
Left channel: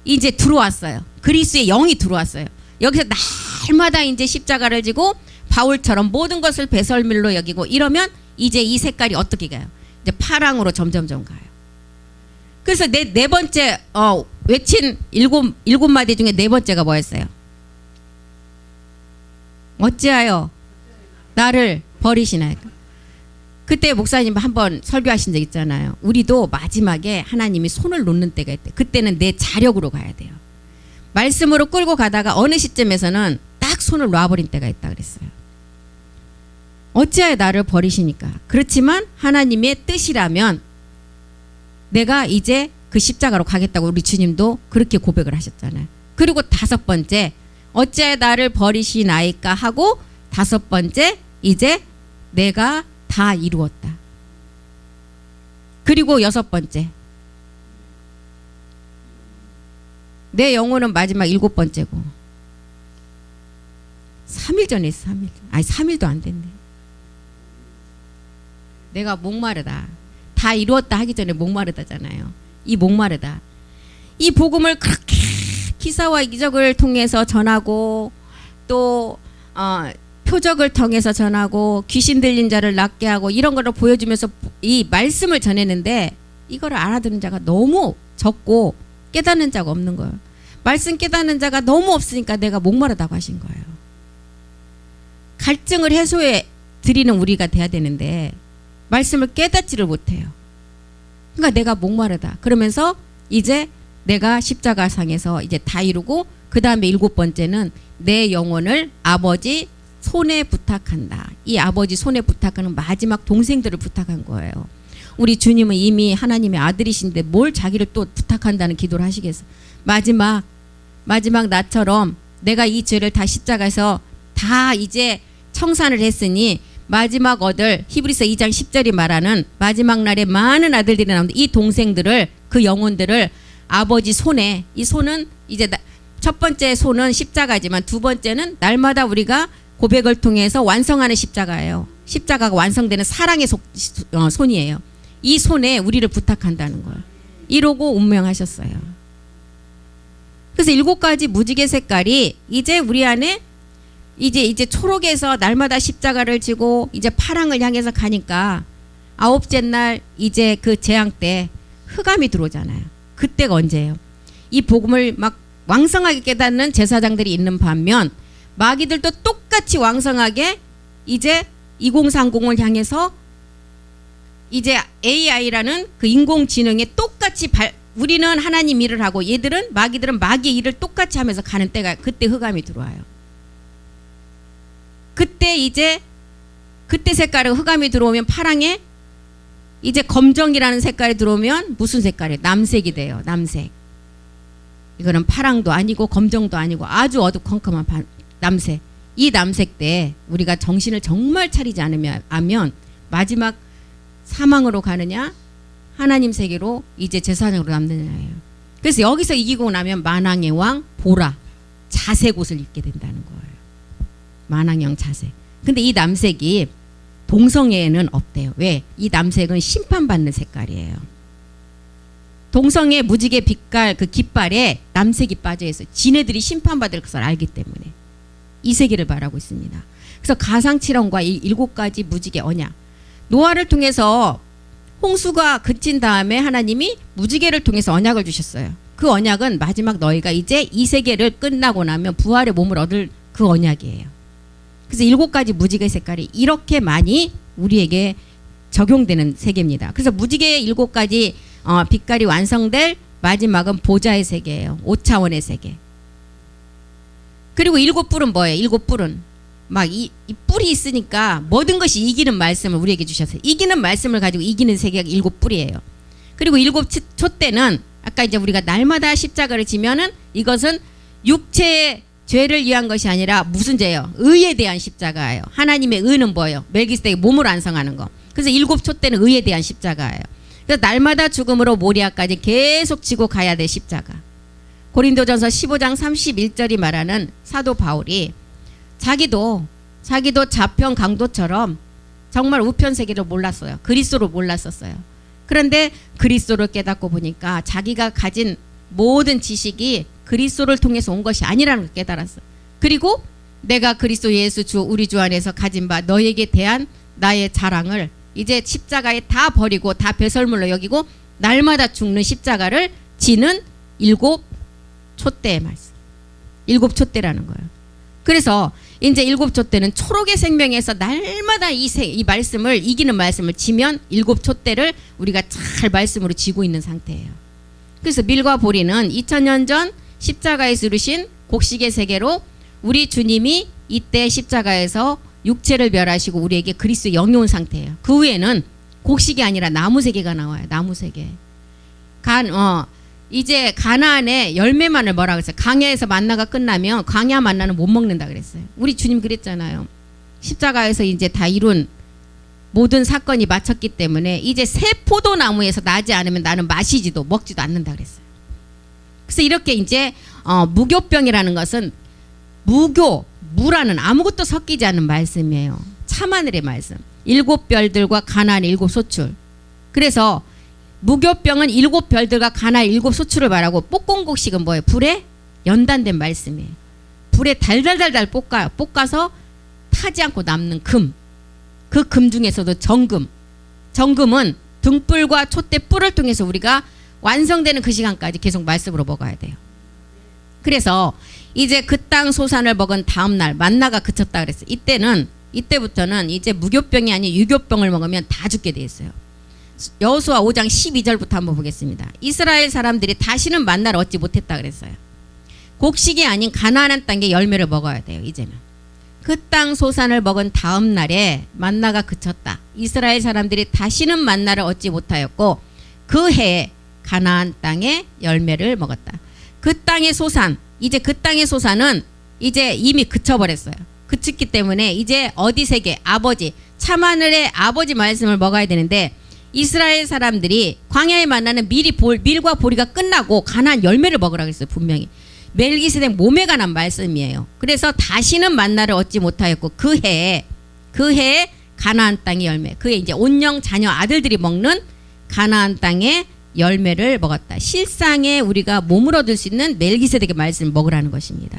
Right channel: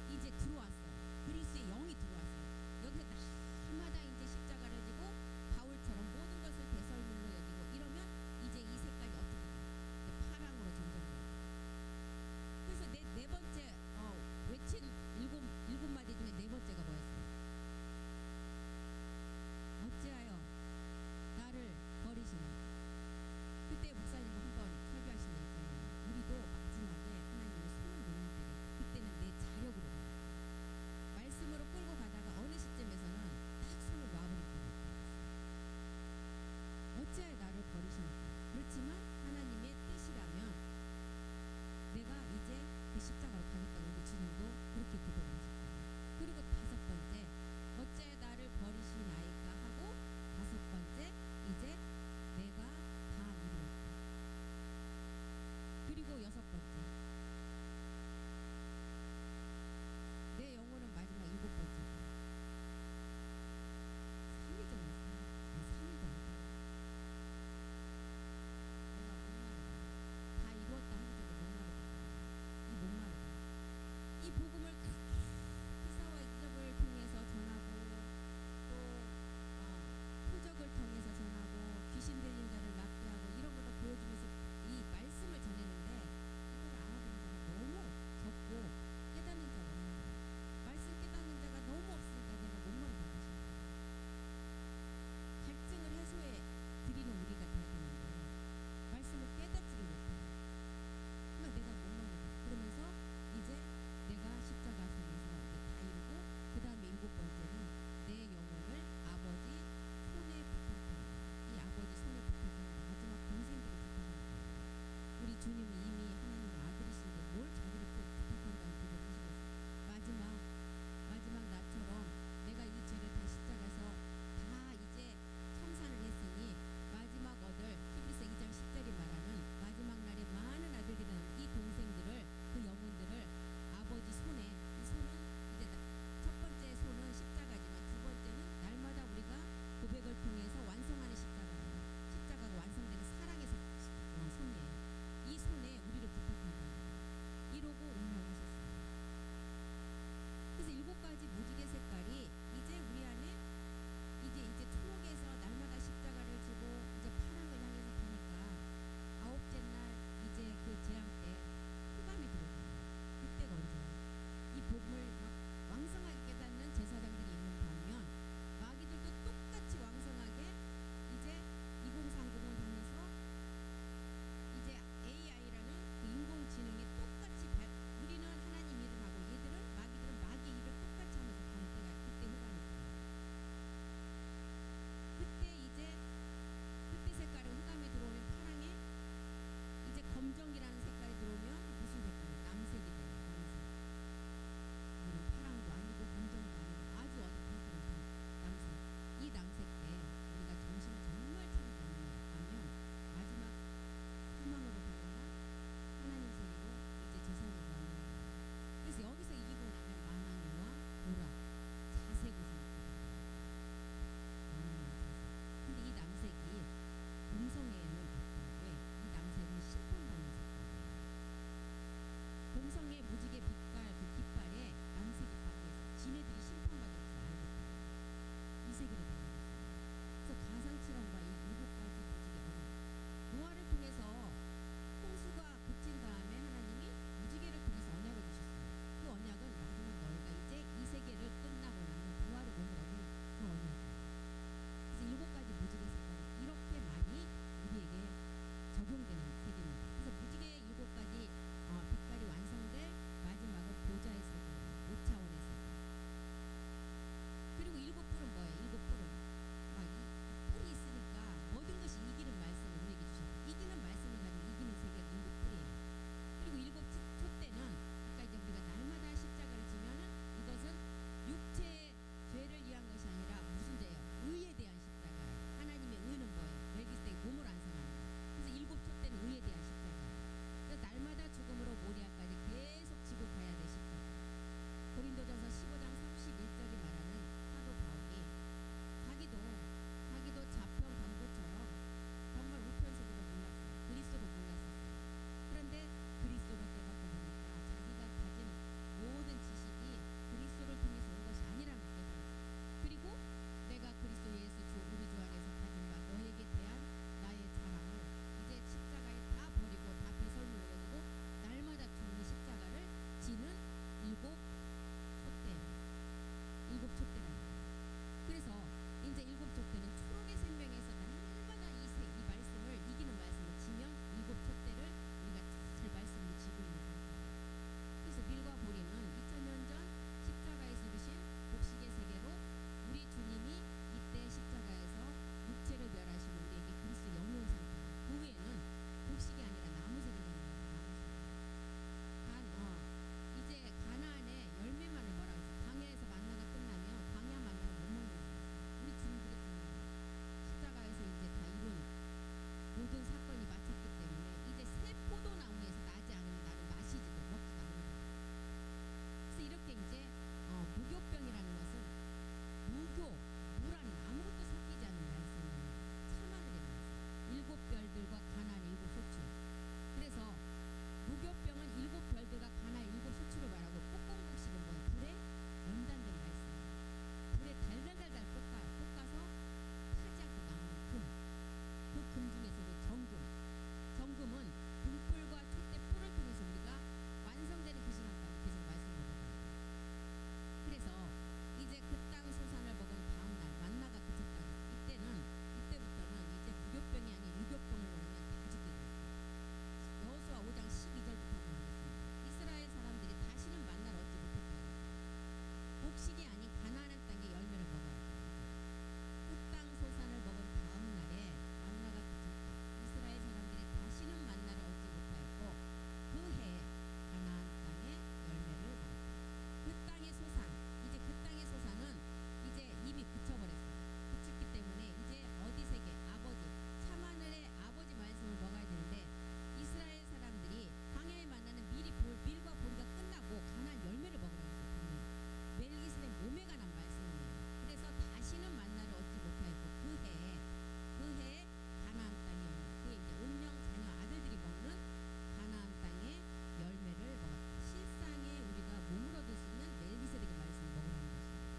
이제 들어왔어요. 그리스의 영이 들어왔어요. 여기서 날마다 이제 십자가를 지고 바울처럼 모든 것을 배설물로 여기고 이러면 이제 이 색깔이 어떻게 가요? 이제 파랑으로 점점점 가요. 그래서 네 번째 외친 일곱 마디 중에 네 번째가 뭐였어요? 어찌하여 나를 버리시나이까? 그때 목사님 한번 설교하신 적 있잖아요. 우리도 마지막에 하나님이 손을 놓는 때가 있대. 그때는 내 자력으로 가야 돼요. 말씀으로 끌고 가다가 어느 시점에서는 딱 손을 놔버린 때가 있다 그랬어요. 어찌하여 나를 버리시니까. 그렇지만 하나님의 뜻이라면 내가 이제 그 십자가로 가겠다고 우리 주님도 그렇게 고백을 하셨잖아요. 그리고 다섯 번째 어찌하여 나를 버리시나이까 하고 다섯 번째 이제 내가 다 이루었다. 그리고 여섯 번째 내 영혼은 마지막 일곱 번째고 3일 전에 했어. 3일. 아니 3일도 안 됐네. 내가 목마르다. 다 이루었다 하기 전에 목마르다잖아요. 이 목마르다. 이 복음을 그렇게 기사와 이적을 통해서 전하고 또 표적을 통해서 전하고 귀신 들린 자를 낫게 하고 이런 거를 보여주면서 이 말씀을 전했는데 이거를 알아듣는 자가 너무 적고 깨닫는 자가 없는 거예요. 말씀 깨닫는 자가 너무 없으니까 내가 목마르다고 하신 거예요. 갈증을 해소해 드리는 우리가 돼야 되는데 말씀을 깨닫지를 못해요. 그러니까 내가 목마르다. 그러면서 이제 내가 십자가상에서 이제 다 이루고 그 다음에 일곱 번째는 내 영혼을 아버지 손에 부탁한다. 이 아버지 손에 부탁하는 마지막 동생들을 부탁한 거예요. 우리 주님은 이미 하나님의 아들이신데 뭘 자기를 또 부탁한다는 기도를 하시겠어요. 마지막 나처럼 내가 이 죄를 다 십자가에서 다 이제 청산을 했으니 마지막 얻을 히브리서 2장 10절이 말하는 마지막 날에 많은 아들들이 나오는데 이 동생들을 그 영혼들을 아버지 손에 이 손은 이제 첫 번째 손은 십자가지만 두 번째는 날마다 우리가 고백을 통해서 완성하는 십자가예요. 십자가가 완성되는 사랑의 손이에요. 이 손에 우리를 부탁한다는 걸 이러고 운명하셨어요. 그래서 7가지 무지개 색깔이 이제 우리 안에 이제 초록에서 날마다 십자가를 지고 이제 파랑을 향해서 가니까 아홉째 날 이제 그 재앙 때 흑암이 들어오잖아요. 그때가 언제예요? 이 복음을 막 왕성하게 깨닫는 제사장들이 있는 반면 마귀들도 똑같이 왕성하게 이제 2030을 향해서 이제 AI라는 그 인공지능에 똑같이 우리는 하나님 일을 하고 얘들은 마귀들은 마귀의 일을 똑같이 하면서 가는 때가 그때 흑암이 들어와요. 그때 색깔의 흑암이 들어오면 파랑에 이제 검정이라는 색깔이 들어오면 무슨 색깔이에요? 남색이 돼요. 남색. 이거는 파랑도 아니고 검정도 아니고 아주 어두컴컴한 남색. 이 남색 때 우리가 정신을 정말 차리지 않으면 마지막 사망으로 가느냐 하나님 세계로 이제 제사장으로 남느냐예요. 그래서 여기서 이기고 나면 만왕의 왕 보라 자색 옷을 입게 된다는 거예요. 만왕의 왕 자색. 근데 이 남색이 동성애에는 없대요. 왜? 이 남색은 심판받는 색깔이에요. 동성애 무지개 빛깔 그 깃발에 남색이 빠져 있어요. 지네들이 심판받을 것을 알기 때문에 이 세계를 말하고 있습니다. 그래서 가상칠언과 이 7가지 무지개 언약, 노아를 통해서 홍수가 그친 다음에 하나님이 무지개를 통해서 언약을 주셨어요. 그 언약은 마지막 너희가 이제 이 세계를 끝나고 나면 부활의 몸을 얻을 그 언약이에요. 그래서 7가지 무지개 색깔이 이렇게 많이 우리에게 적용되는 세계입니다. 그래서 무지개의 7가지 빛깔이 완성될 마지막은 보좌의 세계예요. 5차원의 세계. 그리고 7뿔은 뭐예요? 7뿔은 막 이 뿔이 있으니까 모든 것이 이기는 말씀을 우리에게 주셨어요. 이기는 말씀을 가지고 이기는 세계가 7뿔이에요. 그리고 7촛대는 아까 이제 우리가 날마다 십자가를 지면은 이것은 육체의 죄를 위한 것이 아니라 무슨 죄예요? 의에 대한 십자가예요. 하나님의 의는 뭐예요? 멜기세덱의 몸을 완성하는 거. 그래서 7촛대는 의에 대한 십자가예요. 그래서 날마다 죽음으로 모리아까지 계속 지고 가야 돼 십자가. 고린도전서 15장 31절이 말하는 사도 바울이 자기도 자평 강도처럼 정말 우편 세계를 몰랐어요. 그리스도를 몰랐었어요. 그런데 그리스도를 깨닫고 보니까 자기가 가진 모든 지식이 그리스도를 통해서 온 것이 아니라는 걸 깨달았어요. 그리고 내가 그리스도 예수 주 우리 주 안에서 가진 바 너에게 대한 나의 자랑을 이제 십자가에 다 버리고 다 배설물로 여기고 날마다 죽는 십자가를 지는 7촛대의 말씀. 7촛대라는 거예요. 그래서 이제 7촛대는 초록의 생명에서 날마다 이 말씀을 이기는 말씀을 지면 7촛대를 우리가 잘 말씀으로 지고 있는 상태예요. 그래서 밀과 보리는 2000년 전 십자가에서 이루신 곡식의 세계로 우리 주님이 이때 십자가에서 육체를 멸하시고 우리에게 그리스도 영이 온 상태예요. 그 후에는 곡식이 아니라 나무 세계가 나와요. 나무 세계. 이제 가나안의 열매만을 뭐라 그랬어요? 광야에서 만나가 끝나면 광야 만나는 못 먹는다 그랬어요. 우리 주님 그랬잖아요. 십자가에서 이제 다 이룬 모든 사건이 마쳤기 때문에 이제 새 포도나무에서 나지 않으면 나는 마시지도 먹지도 않는다 그랬어요. 그래서 이렇게 이제 무교병이라는 것은 무라는 아무것도 섞이지 않는 말씀이에요. 참하늘의 말씀. 7별들과 가나안의 7소출. 그래서 무교병은 7별들과 가나안의 7소출을 말하고 볶음곡식은 뭐예요? 불에 연단된 말씀이에요. 불에 달달달달 볶아서 타지 않고 남는 금. 그 금 중에서도 정금. 정금은 등불과 촛대 뿔을 통해서 우리가 완성되는 그 시간까지 계속 말씀으로 먹어야 돼요. 그래서 이제 그 땅 소산을 먹은 다음 날 만나가 그쳤다 그랬어요. 이때부터는 이제 무교병이 아닌 유교병을 먹으면 다 죽게 돼 있어요. 여호수아 5장 12절부터 한번 보겠습니다. 이스라엘 사람들이 다시는 만나를 얻지 못했다 그랬어요. 곡식이 아닌 가나안 땅의 열매를 먹어야 돼요. 이제는 그 땅 소산을 먹은 다음 날에 만나가 그쳤다. 이스라엘 사람들이 다시는 만나를 얻지 못하였고 그 해에 가나안 땅의 열매를 먹었다. 그 땅의 소산, 이제 그 땅의 소산은 이제 이미 그쳐버렸어요. 그쳤기 때문에 이제 어디 세계 아버지 참하늘의 아버지 말씀을 먹어야 되는데 이스라엘 사람들이 광야에 만나는 밀과 보리가 끝나고 가나안 열매를 먹으라고 했어요. 분명히 멜기세덱 몸에 관한 말씀이에요. 그래서 다시는 만나를 얻지 못하였고 그 해에 가나안 땅의 열매, 그해 이제 온영 자녀 아들들이 먹는 가나안 땅의 열매를 먹었다. 실상에 우리가 몸을 얻을 수 있는 멜기세덱의 말씀을 먹으라는 것입니다.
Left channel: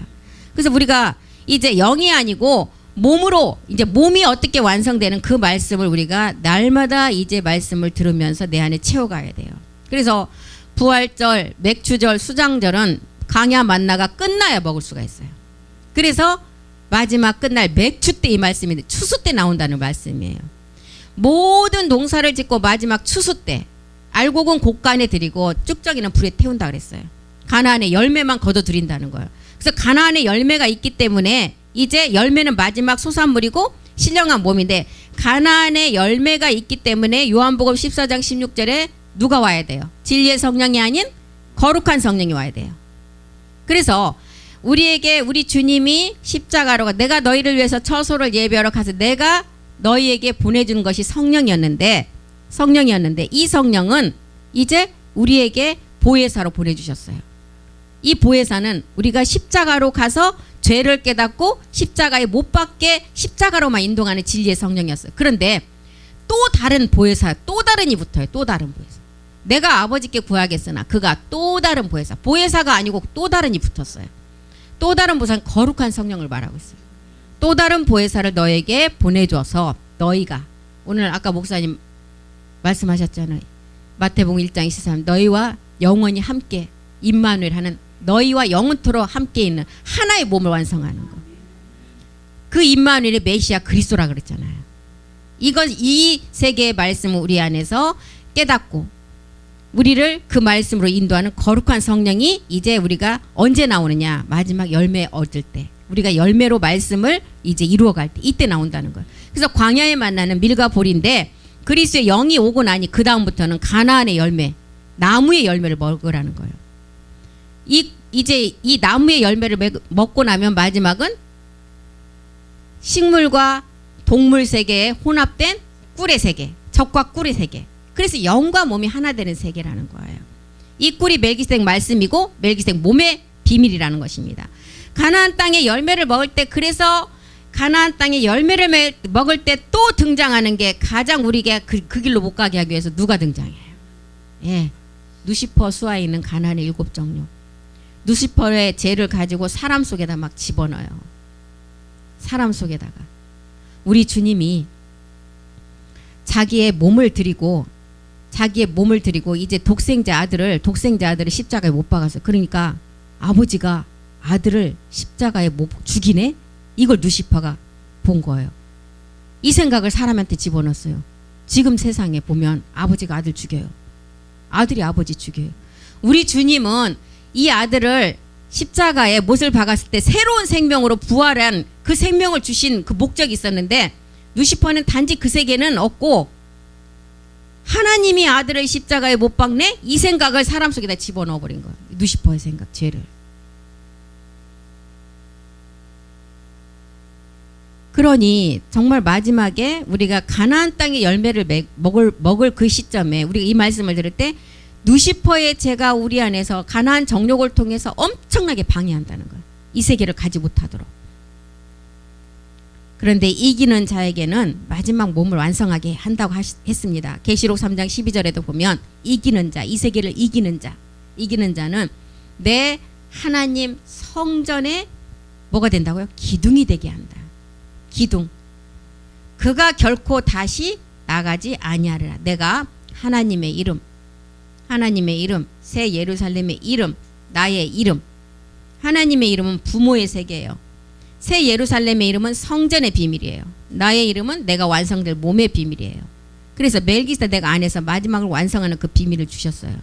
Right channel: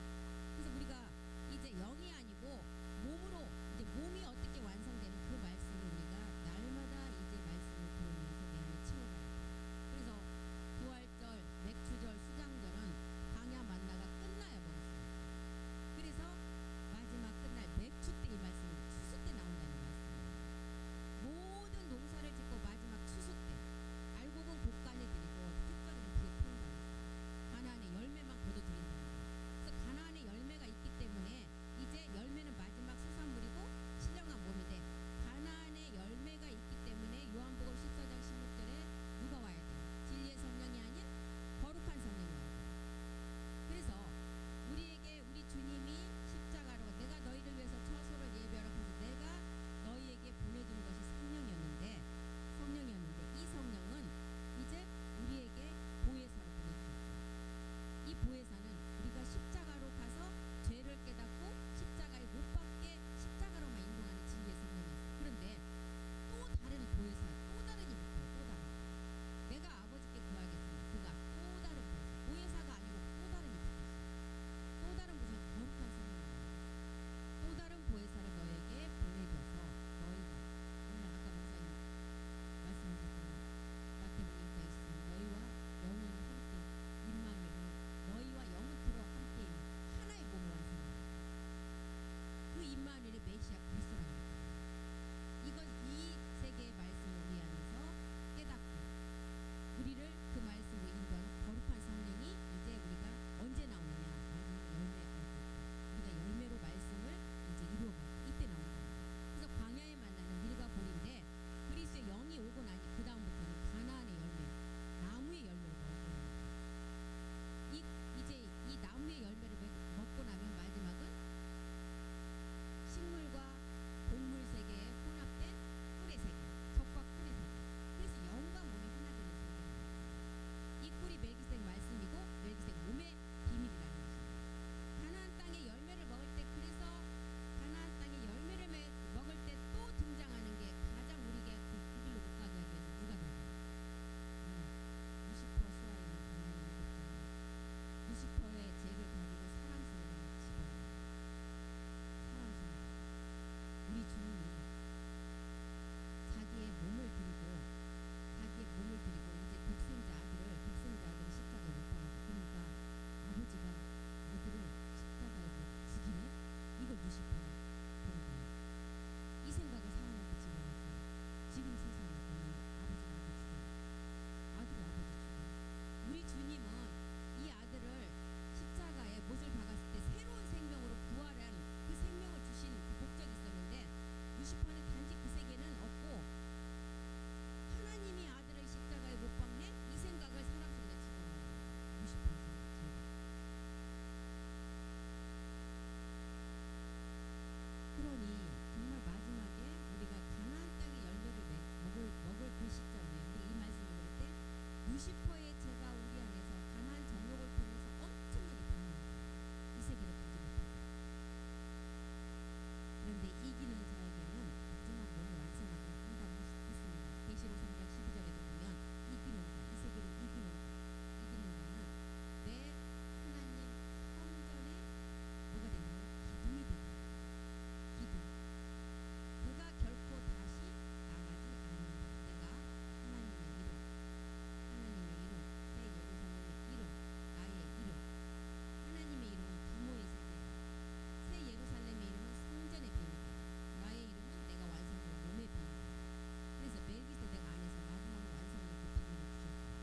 그래서 우리가 이제 영이 아니고 몸으로 이제 몸이 어떻게 완성되는 그 말씀을 우리가 날마다 이제 말씀을 들으면서 내 안에 채워가야 돼요. 그래서 부활절, 맥추절, 수장절은 광야 만나가 끝나야 먹을 수가 있어요. 그래서 마지막 끝날 맥추 때 이 말씀인데 추수 때 나온다는 말씀이에요. 모든 농사를 짓고 마지막 추수 때 알곡은 곡간에 드리고 쭉저기는 불에 태운다 그랬어요. 가나안의 열매만 거둬 드린다는 거예요. 그래서 가나안의 열매가 있기 때문에 이제 열매는 마지막 소산물이고 신령한 몸인데 가나안에 열매가 있기 때문에 요한복음 14장 16절에 누가 와야 돼요? 진리의 성령이 아닌 거룩한 성령이 와야 돼요. 그래서 우리에게 우리 주님이 십자가로 가 내가 너희를 위해서 처소를 예비하러 가서 내가 너희에게 보내주는 것이 성령이었는데 이 성령은 이제 우리에게 보혜사로 보내주셨어요. 이 보혜사는 우리가 십자가로 가서 죄를 깨닫고 십자가에 못 박게 십자가로만 인도하는 진리의 성령이었어요. 그런데 또 다른 보혜사, 또 다른이 붙어요. 또 다른 보혜사. 내가 아버지께 구하겠으나 그가 또 다른 보혜사. 보혜사가 아니고 또 다른이 붙었어요. 또 다른 보혜사는 거룩한 성령을 말하고 있어요. 또 다른 보혜사를 너에게 보내줘서 너희가 오늘 아까 목사님 말씀하셨잖아요. 마태복음 1장 23 너희와 영원히 함께 임마누엘 하는 너희와 영원토록 함께 있는 하나의 몸을 완성하는 거. 그 임마누엘의 메시아 그리스도라 그랬잖아요. 이 세계의 말씀을 우리 안에서 깨닫고 우리를 그 말씀으로 인도하는 거룩한 성령이 이제 우리가 언제 나오느냐? 마지막 열매 얻을 때. 우리가 열매로 말씀을 이제 이루어갈 때 이때 나온다는 거예요. 그래서 광야에 만나는 밀과 볼인데 그리스도의 영이 오고 나니 그 다음부터는 가나안의 열매, 나무의 열매를 먹으라는 거예요. 이제 이 나무의 열매를 먹고 나면 마지막은 식물과 동물 세계에 혼합된 꿀의 세계, 적과 꿀의 세계. 그래서 영과 몸이 하나 되는 세계라는 거예요. 이 꿀이 멜기세덱 말씀이고 멜기세덱 몸의 비밀이라는 것입니다. 가나안 땅의 열매를 먹을 때 그래서 가나안 땅의 열매를 먹을 때 또 등장하는 게 가장 우리가 그 길로 못 가게 하기 위해서 누가 등장해요? 예, 누시퍼 수하에 있는 가나안의 7종류. 누시퍼의 죄를 가지고 사람 속에다 막 집어넣어요. 사람 속에다가. 우리 주님이 자기의 몸을 드리고 이제 독생자 아들을 십자가에 못 박았어요. 그러니까 아버지가 아들을 십자가에 못 죽이네? 이걸 누시퍼가 본 거예요. 이 생각을 사람한테 집어넣었어요. 지금 세상에 보면 아버지가 아들 죽여요. 아들이 아버지 죽여요. 우리 주님은 이 아들을 십자가에 못을 박았을 때 새로운 생명으로 부활한 그 생명을 주신 그 목적이 있었는데 누시퍼는 단지 그 세계는 없고 하나님이 아들을 십자가에 못 박네? 이 생각을 사람 속에다 집어넣어버린 거예요. 누시퍼의 생각, 죄를. 그러니 정말 마지막에 우리가 가나안 땅의 열매를 먹을 그 시점에 우리가 이 말씀을 들을 때 누시퍼의 죄가 우리 안에서 가나안 정욕을 통해서 엄청나게 방해한다는 거예요. 이 세계를 가지 못하도록. 그런데 이기는 자에게는 마지막 몸을 완성하게 한다고 했습니다. 계시록 3장 12절에도 보면 이기는 자, 이 세계를 이기는 자는 내 하나님 성전에 뭐가 된다고요? 기둥이 되게 한다. 기둥. 그가 결코 다시 나가지 아니하리라. 내가 하나님의 이름, 새 예루살렘의 이름, 나의 이름. 하나님의 이름은 부모의 세계예요. 새 예루살렘의 이름은 성전의 비밀이에요. 나의 이름은 내가 완성될 몸의 비밀이에요. 그래서 멜기세덱 안에서 마지막을 완성하는 그 비밀을 주셨어요.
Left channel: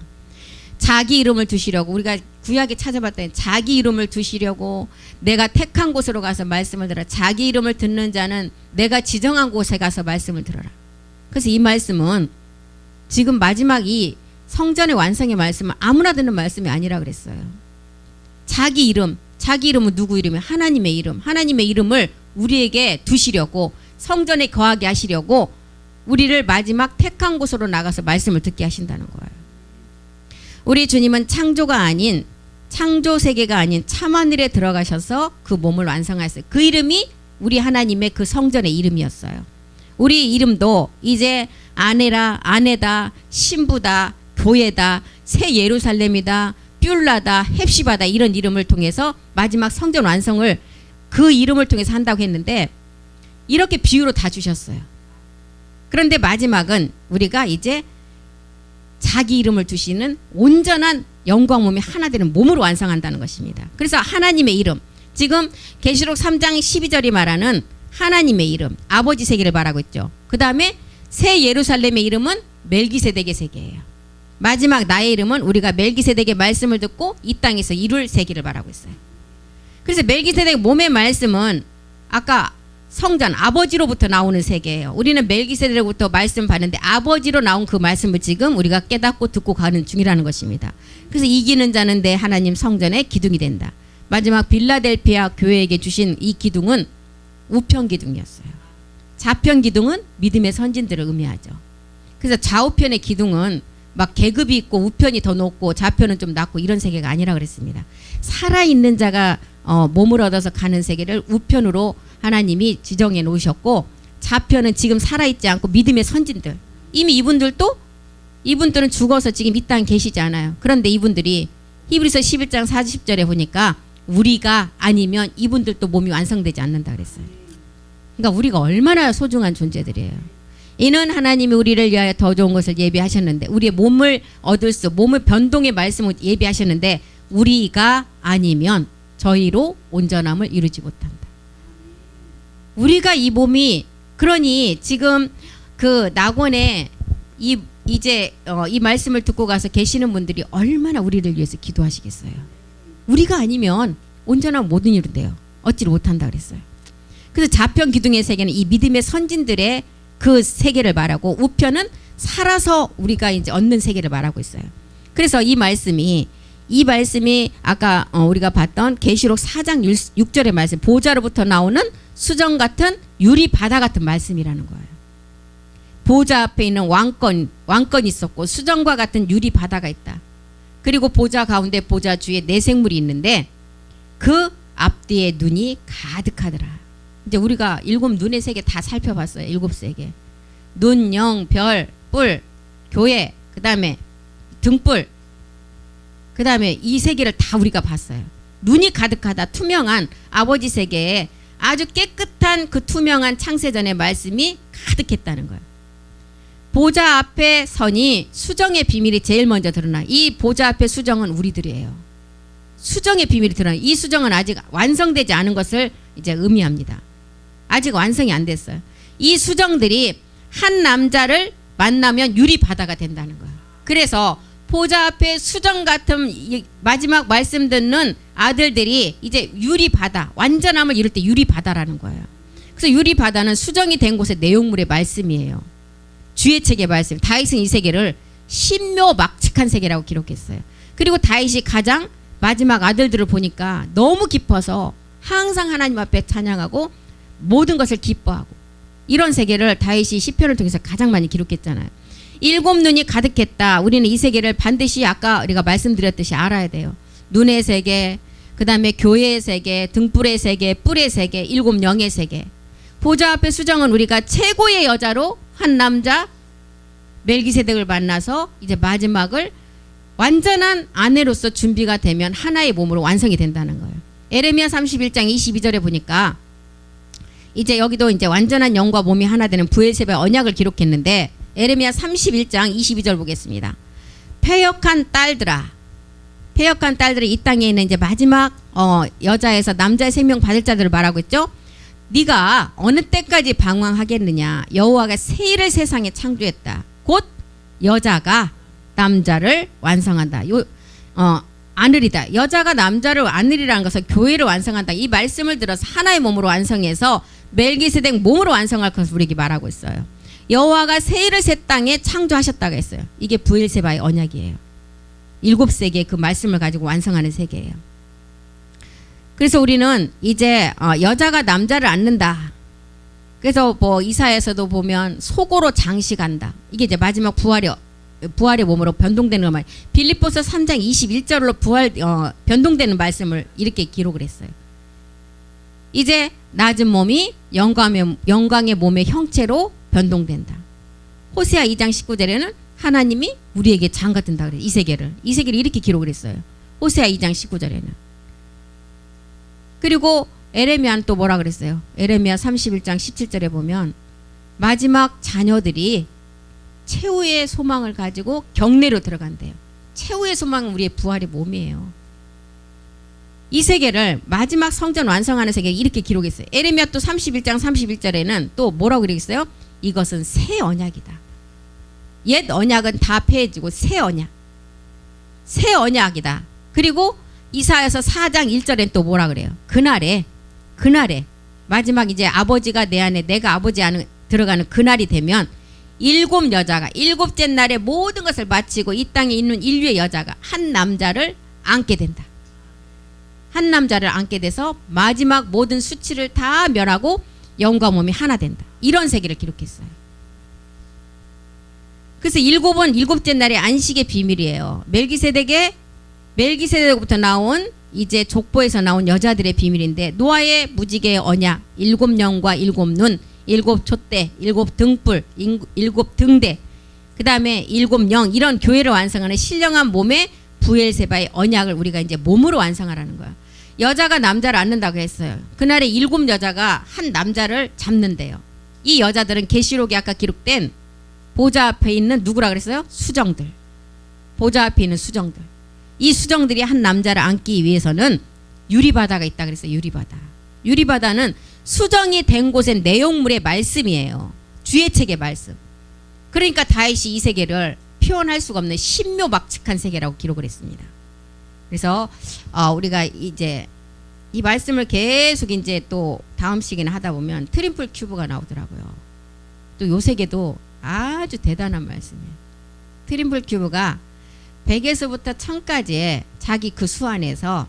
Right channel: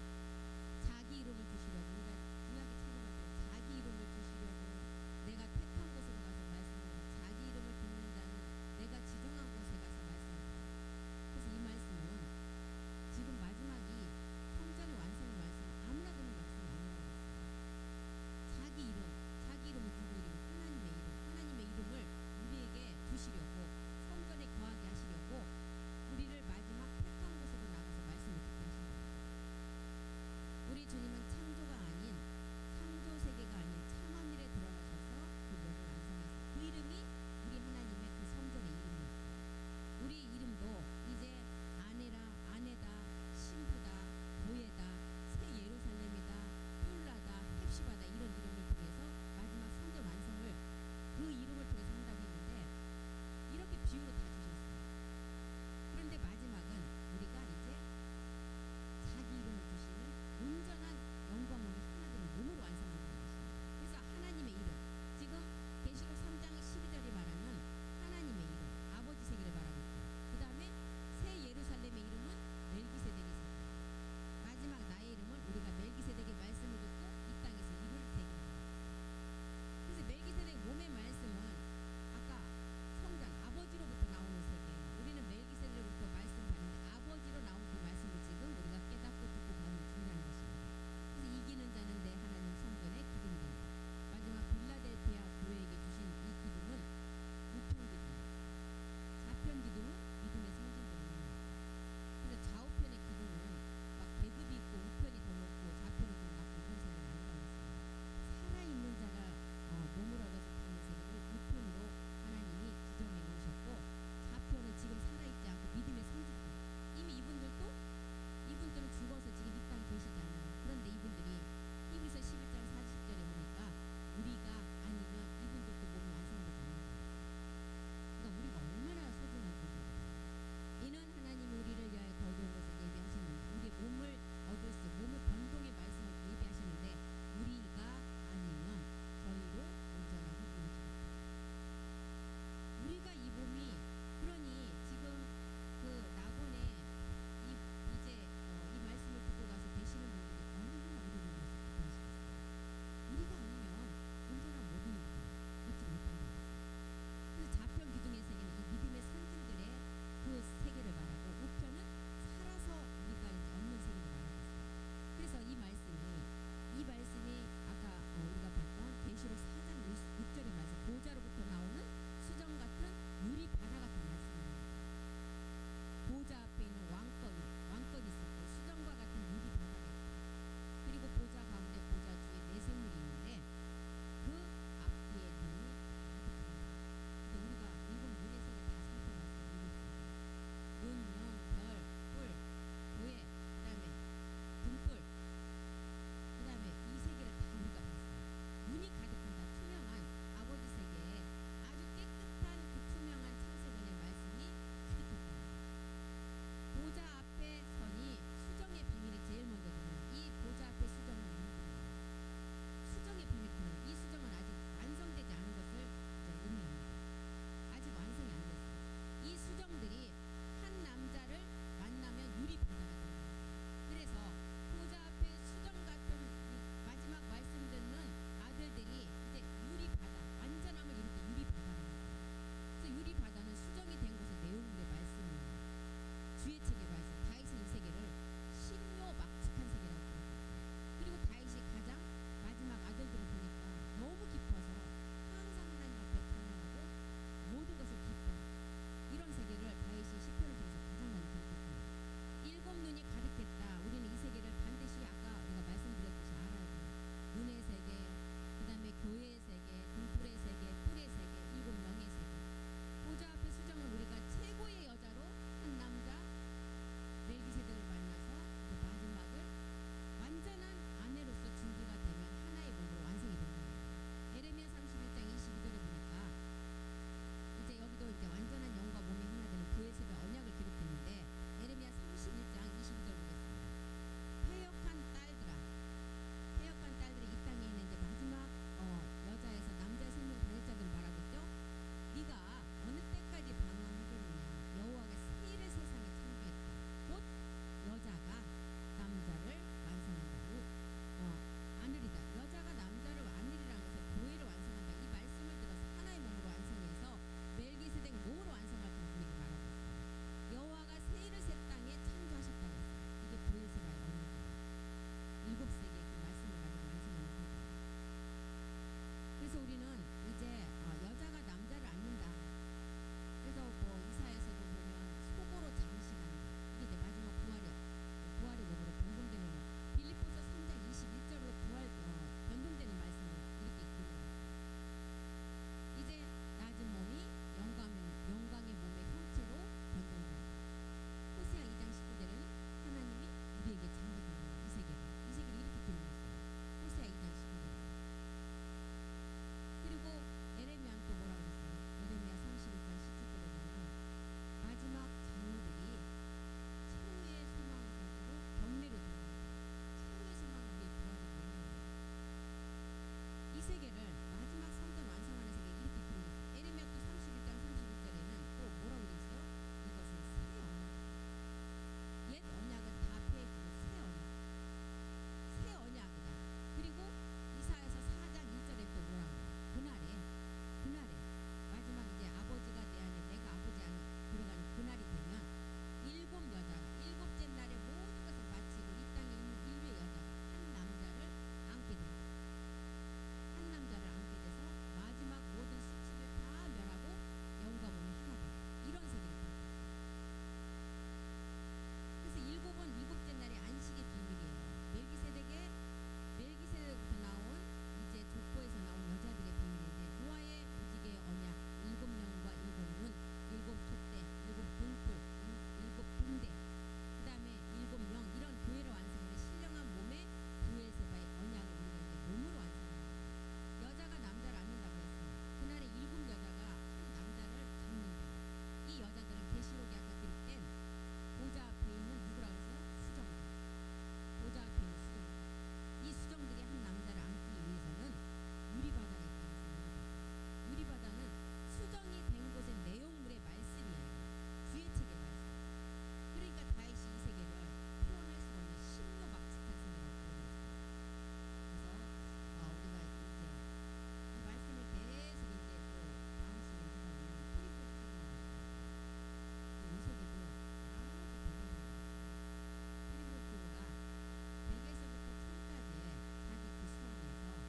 자기 이름을 두시려고 우리가 구약에 찾아봤더니 자기 이름을 두시려고 내가 택한 곳으로 가서 말씀을 들어라. 자기 이름을 듣는 자는 내가 지정한 곳에 가서 말씀을 들어라. 그래서 이 말씀은 지금 마지막 이 성전의 완성의 말씀은 아무나 듣는 말씀이 아니라 그랬어요. 자기 이름은 누구 이름이에요? 하나님의 이름. 하나님의 이름을 우리에게 두시려고 성전에 거하게 하시려고 우리를 마지막 택한 곳으로 나가서 말씀을 듣게 하신다는 거예요. 우리 주님은 창조 세계가 아닌 참하늘에 들어가셔서 그 몸을 완성하셨어요. 그 이름이 우리 하나님의 그 성전의 이름이었어요. 우리 이름도 이제 아내다, 신부다, 교회다, 새 예루살렘이다, 뷸라다, 헵시바다 이런 이름을 통해서 마지막 성전 완성을 그 이름을 통해서 한다고 했는데 이렇게 비유로 다 주셨어요. 그런데 마지막은 우리가 이제 자기 이름을 두시는 온전한 영광 몸이 하나 되는 몸으로 완성한다는 것입니다. 그래서 하나님의 이름, 지금 계시록 3장 12절이 말하는 하나님의 이름, 아버지 세계를 말하고 있죠. 그 다음에 새 예루살렘의 이름은 멜기세덱의 세계예요. 마지막 나의 이름은 우리가 멜기세덱의 말씀을 듣고 이 땅에서 이룰 세계를 말하고 있어요. 그래서 멜기세덱 몸의 말씀은 아까 1장 1절에 말씀드렸듯이 성전 아버지로부터 나오는 세계예요. 우리는 멜기세덱으로부터 말씀 받는데 아버지로 나온 그 말씀을 지금 우리가 깨닫고 듣고 가는 중이라는 것입니다. 그래서 이기는 자는 내 하나님 성전의 기둥이 된다. 마지막 빌라델피아 교회에게 주신 이 기둥은 우편 기둥이었어요. 좌편 기둥은 믿음의 선진들을 의미하죠. 그래서 좌우편의 기둥은 막 계급이 있고 우편이 더 높고 좌편은 좀 낮고 이런 세계가 아니라 그랬습니다. 살아있는 자가 몸을 얻어서 가는 세계를 우편으로 하나님이 지정해 놓으셨고, 좌편은 지금 살아있지 않고 믿음의 선진들, 이미 이분들은 죽어서 지금 이 땅에 계시지 않아요. 그런데 이분들이 히브리서 11장 40절에 보니까 우리가 아니면 이분들도 몸이 완성되지 않는다 그랬어요. 그러니까 우리가 얼마나 소중한 존재들이에요. 이는 하나님이 우리를 위하여 더 좋은 것을 예비하셨는데, 우리의 몸을 얻을 수, 몸의 변동의 말씀을 예비하셨는데 우리가 아니면 저희로 온전함을 이루지 못한다. 우리가 이 몸이, 그러니 지금 그 낙원에 이제 이 말씀을 듣고 가서 계시는 분들이 얼마나 우리를 위해서 기도하시겠어요. 우리가 아니면 온전함 못 이룬대요. 얻지를 못한다 그랬어요. 그래서 좌편 기둥의 세계는 이 믿음의 선진들의 그 세계를 말하고, 우편은 살아서 우리가 이제 얻는 세계를 말하고 있어요. 그래서 이 말씀이 아까 우리가 봤던 계시록 4장 6절의 말씀, 보좌로부터 나오는 수정 같은 유리 바다 같은 말씀이라는 거예요. 보좌 앞에 있는 왕권이 있었고 수정과 같은 유리 바다가 있다. 그리고 보좌 가운데 보좌 주위에 네 생물이 있는데 그 앞뒤에 눈이 가득하더라. 이제 우리가 7 눈의 세계 다 살펴봤어요. 7 세계. 눈, 영, 별, 뿔, 교회, 그 다음에 등불, 그 다음에 이 세계를 다 우리가 봤어요. 눈이 가득하다. 투명한 아버지 세계에 아주 깨끗한 그 투명한 창세전의 말씀이 가득했다는 거예요. 보좌 앞에 서니 수정의 비밀이 제일 먼저 드러나. 이 보좌 앞에 수정은 우리들이에요. 수정의 비밀이 드러나. 이 수정은 아직 완성되지 않은 것을 이제 의미합니다. 아직 완성이 안 됐어요. 이 수정들이 한 남자를 만나면 유리 바다가 된다는 거예요. 그래서 보좌 앞에 수정 같은 마지막 말씀 듣는 아들들이 이제 유리 바다, 완전함을 이룰 때 유리 바다라는 거예요. 그래서 유리 바다는 수정이 된 곳의 내용물의 말씀이에요. 주의 책의 말씀. 다윗은 이 세계를 신묘막측한 세계라고 기록했어요. 그리고 다윗이 가장 마지막 아들들을 보니까 너무 깊어서 항상 하나님 앞에 찬양하고 모든 것을 기뻐하고, 이런 세계를 다윗이 시편을 통해서 가장 많이 기록했잖아요. 7 눈이 가득했다. 우리는 이 세계를 반드시 아까 우리가 말씀드렸듯이 알아야 돼요. 눈의 세계, 그 다음에 교회의 세계, 등불의 세계, 뿔의 세계, 7 영의 세계. 보좌 앞에 수정은 우리가 최고의 여자로 한 남자 멜기세덱을 만나서 이제 마지막을 완전한 아내로서 준비가 되면 하나의 몸으로 완성이 된다는 거예요. 에레미야 31장 22절에 보니까 이제 여기도 이제 완전한 영과 몸이 하나 되는 부엘세바의 언약을 기록했는데, 에레미야 31장 22절 보겠습니다. 패역한 딸들아, 이 땅에 있는 이제 마지막 여자에서 남자의 생명 받을 자들을 말하고 있죠. 네가 어느 때까지 방황하겠느냐. 여호와가 새 일을 세상에 창조했다. 곧 여자가 남자를 완성한다. 안으리다. 여자가 남자를 안으리라는 것은 교회를 완성한다. 이 말씀을 들어서 하나의 몸으로 완성해서 멜기세덱 몸으로 완성할 것을 우리에게 말하고 있어요. 여호와가 새 일을 새 땅에 창조하셨다고 했어요. 이게 부엘세바의 언약이에요. 7세계의 그 말씀을 가지고 완성하는 세계예요. 그래서 우리는 이제 여자가 남자를 안는다. 그래서 뭐 이사야에서도 보면 속으로 장식한다. 이게 이제 마지막 부활의 몸으로 변동되는 말. 빌립보서 3장 21절로 변동되는 말씀을 이렇게 기록을 했어요. 이제 낮은 몸이 영광의 몸의 형체로 변동된다. 호세아 2장 19절에는 하나님이 우리에게 장가 든다 그래요. 이 세계를 이렇게 기록을 했어요. 호세아 2장 19절에는. 그리고 에레미야는 또 뭐라 그랬어요? 에레미야 31장 17절에 보면 마지막 자녀들이 최후의 소망을 가지고 경내로 들어간대요. 최후의 소망은 우리의 부활의 몸이에요. 이 세계를 마지막 성전 완성하는 세계 이렇게 기록했어요. 에레미야 또 31장 31절에는 또 뭐라고 그러겠어요? 이것은 새 언약이다. 옛 언약은 다 폐해지고 새 언약이다. 그리고 이사야서 4장 1절엔 또 뭐라 그래요? 그날에 마지막 이제 아버지가 내 안에 내가 아버지 안에 들어가는 그날이 되면 7 여자가 7째 날에 모든 것을 마치고 이 땅에 있는 인류의 여자가 한 남자를 안게 된다. 한 남자를 안게 돼서 마지막 모든 수치를 다 멸하고 영과 몸이 하나 된다. 이런 세계를 기록했어요. 그래서 7은 7째 날의 안식의 비밀이에요. 멜기세덱부터 나온 이제 족보에서 나온 여자들의 비밀인데 노아의 무지개의 언약 7영과 7눈 7 촛대 7 등불 7 등대 그 다음에 7영 이런 교회를 완성하는 신령한 몸의 부엘세바의 언약을 우리가 이제 몸으로 완성하라는 거야. 여자가 남자를 안는다고 했어요. 그날에 7 여자가 한 남자를 잡는데요. 이 여자들은 계시록에 아까 기록된 보좌 앞에 있는 누구라 그랬어요? 수정들. 보좌 앞에 있는 수정들. 이 수정들이 한 남자를 안기 위해서는 유리바다가 있다 그랬어요. 유리바다. 유리바다는 수정이 된 곳의 내용물의 말씀이에요. 주의 책의 말씀. 그러니까 다윗이 이 세계를 표현할 수가 없는 신묘막측한 세계라고 기록을 했습니다. 그래서 우리가 이제 이 말씀을 계속 이제 또 다음 시기나 하다 보면 트리플 큐브가 나오더라고요. 또 요 세계도 아주 대단한 말씀이에요. 트리플 큐브가 100에서부터 1000까지의 자기 그 수 안에서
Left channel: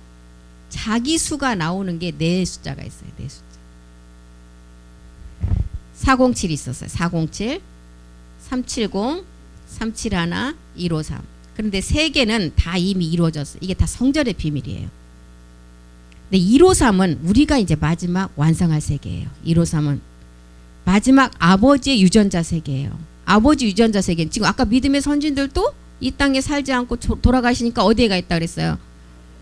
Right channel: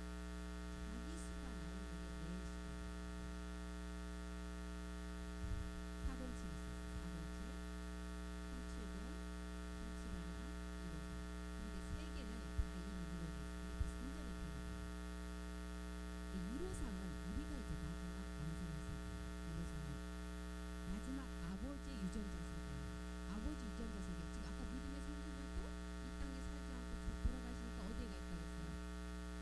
자기 수가 나오는 게 네 숫자가 있어요. 네 숫자. 407이 있었어요. 407, 370, 371, 153. 그런데 세 개는 다 이미 이루어졌어요. 이게 다 성전의 비밀이에요. 근데 153은 우리가 이제 마지막 완성할 세계예요. 153은 마지막 아버지의 유전자 세계예요. 아버지 유전자 세계는 지금 아까 믿음의 선진들도 이 땅에 살지 않고 돌아가시니까 어디에 가 있다 그랬어요?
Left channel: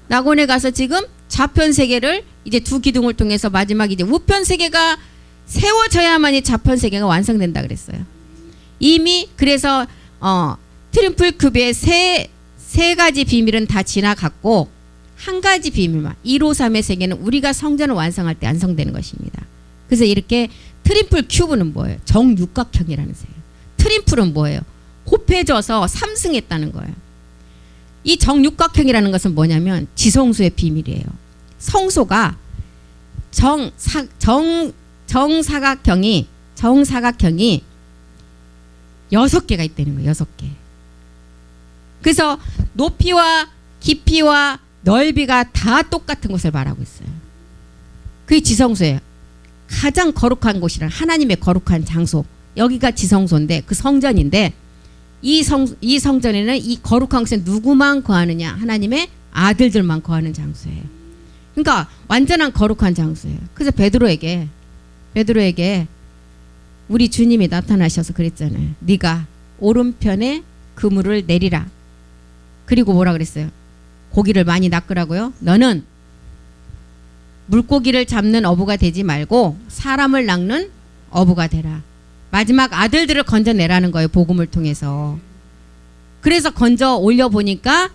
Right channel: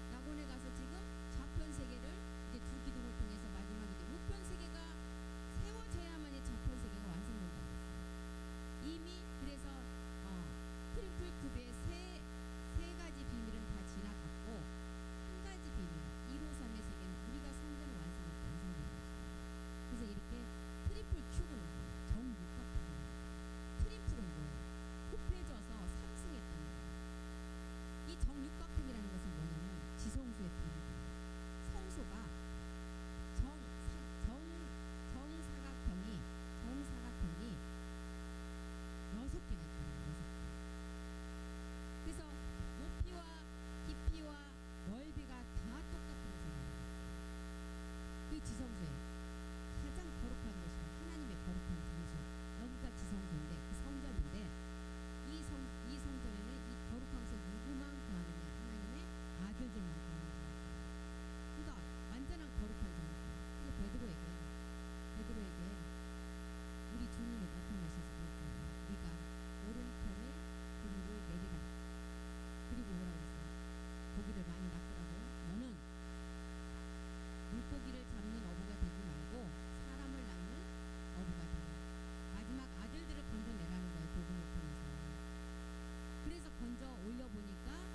낙원에 가서 지금 좌편 세계를 이제 두 기둥을 통해서 마지막 이제 우편 세계가 세워져야만이 좌편 세계가 완성된다 그랬어요. 이미 그래서 트리플 큐브의 세 가지 비밀은 다 지나갔고 한 가지 비밀만 153의 세계는 우리가 성전을 완성할 때 완성되는 것입니다. 그래서 이렇게 트리플 큐브는 뭐예요? 정육각형이라는 세계. 트리플은 뭐예요? 곱해져서 3승했다는 거예요. 이 정육각형이라는 것은 뭐냐면 지성소의 비밀이에요. 성소가 정사각형이 6개가 있다는 거예요. 6개. 그래서 높이와 깊이와 넓이가 다 똑같은 곳을 말하고 있어요. 그게 지성소예요. 가장 거룩한 곳이란 하나님의 거룩한 장소. 여기가 지성소인데 그 성전인데 이 성전에는 이 거룩한 곳에 누구만 거하느냐? 하나님의 아들들만 거하는 장소예요. 그러니까 완전한 거룩한 장소예요. 그래서 베드로에게 우리 주님이 나타나셔서 그랬잖아요. 네가 오른편에 그물을 내리라. 그리고 뭐라 그랬어요? 고기를 많이 낚으라고요. 너는 물고기를 잡는 어부가 되지 말고 사람을 낚는 어부가 되라. 마지막 아들들을 건져내라는 거예요. 복음을 통해서. 그래서 건져 올려보니까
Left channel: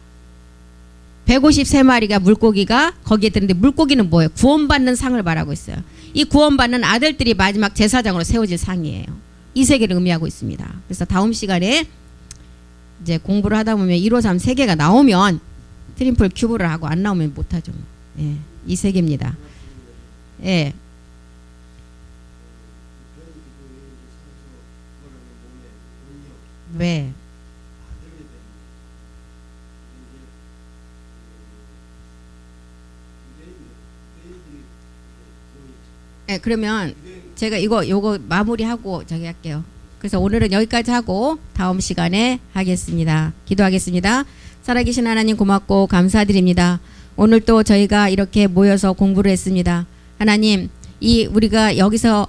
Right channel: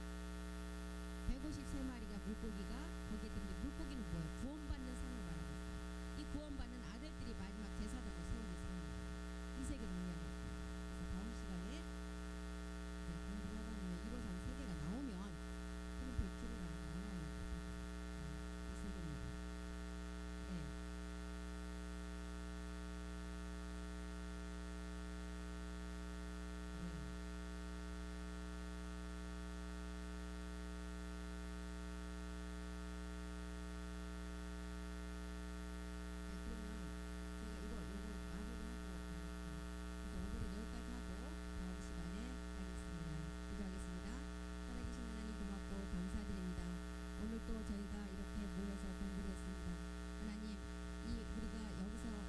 153마리가 물고기가 거기에 드는데 물고기는 뭐예요? 구원받는 상을 말하고 있어요. 이 구원받는 아들들이 마지막 제사장으로 세워질 상이에요. 이 세계를 의미하고 있습니다. 그래서 다음 시간에 이제 공부를 하다 보면 153 세 개가 나오면 트리플 큐브를 하고 안 나오면 못하죠. 예, 이 세계입니다. 예. 왜? 네, 그러면 제가 요거 마무리하고 저기 할게요. 그래서 오늘은 여기까지 하고 다음 시간에 하겠습니다. 기도하겠습니다. 살아계신 하나님 고맙고 감사드립니다. 오늘 또 저희가 이렇게 모여서 공부를 했습니다. 하나님, 우리가 여기서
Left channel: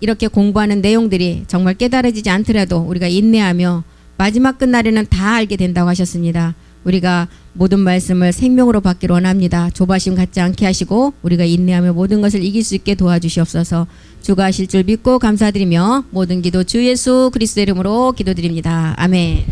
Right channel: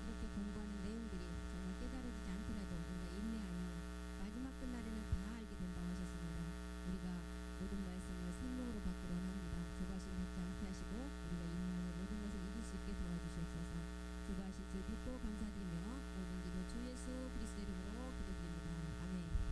이렇게 공부하는 내용들이 정말 깨달아지지 않더라도 우리가 인내하며 마지막 끝날에는 다 알게 된다고 하셨습니다. 우리가 모든 말씀을 생명으로 받기를 원합니다. 조바심 갖지 않게 하시고 우리가 인내하며 모든 것을 이길 수 있게 도와주시옵소서. 주가 하실 줄 믿고 감사드리며 모든 기도 주 예수 그리스도 이름으로 기도드립니다. 아멘.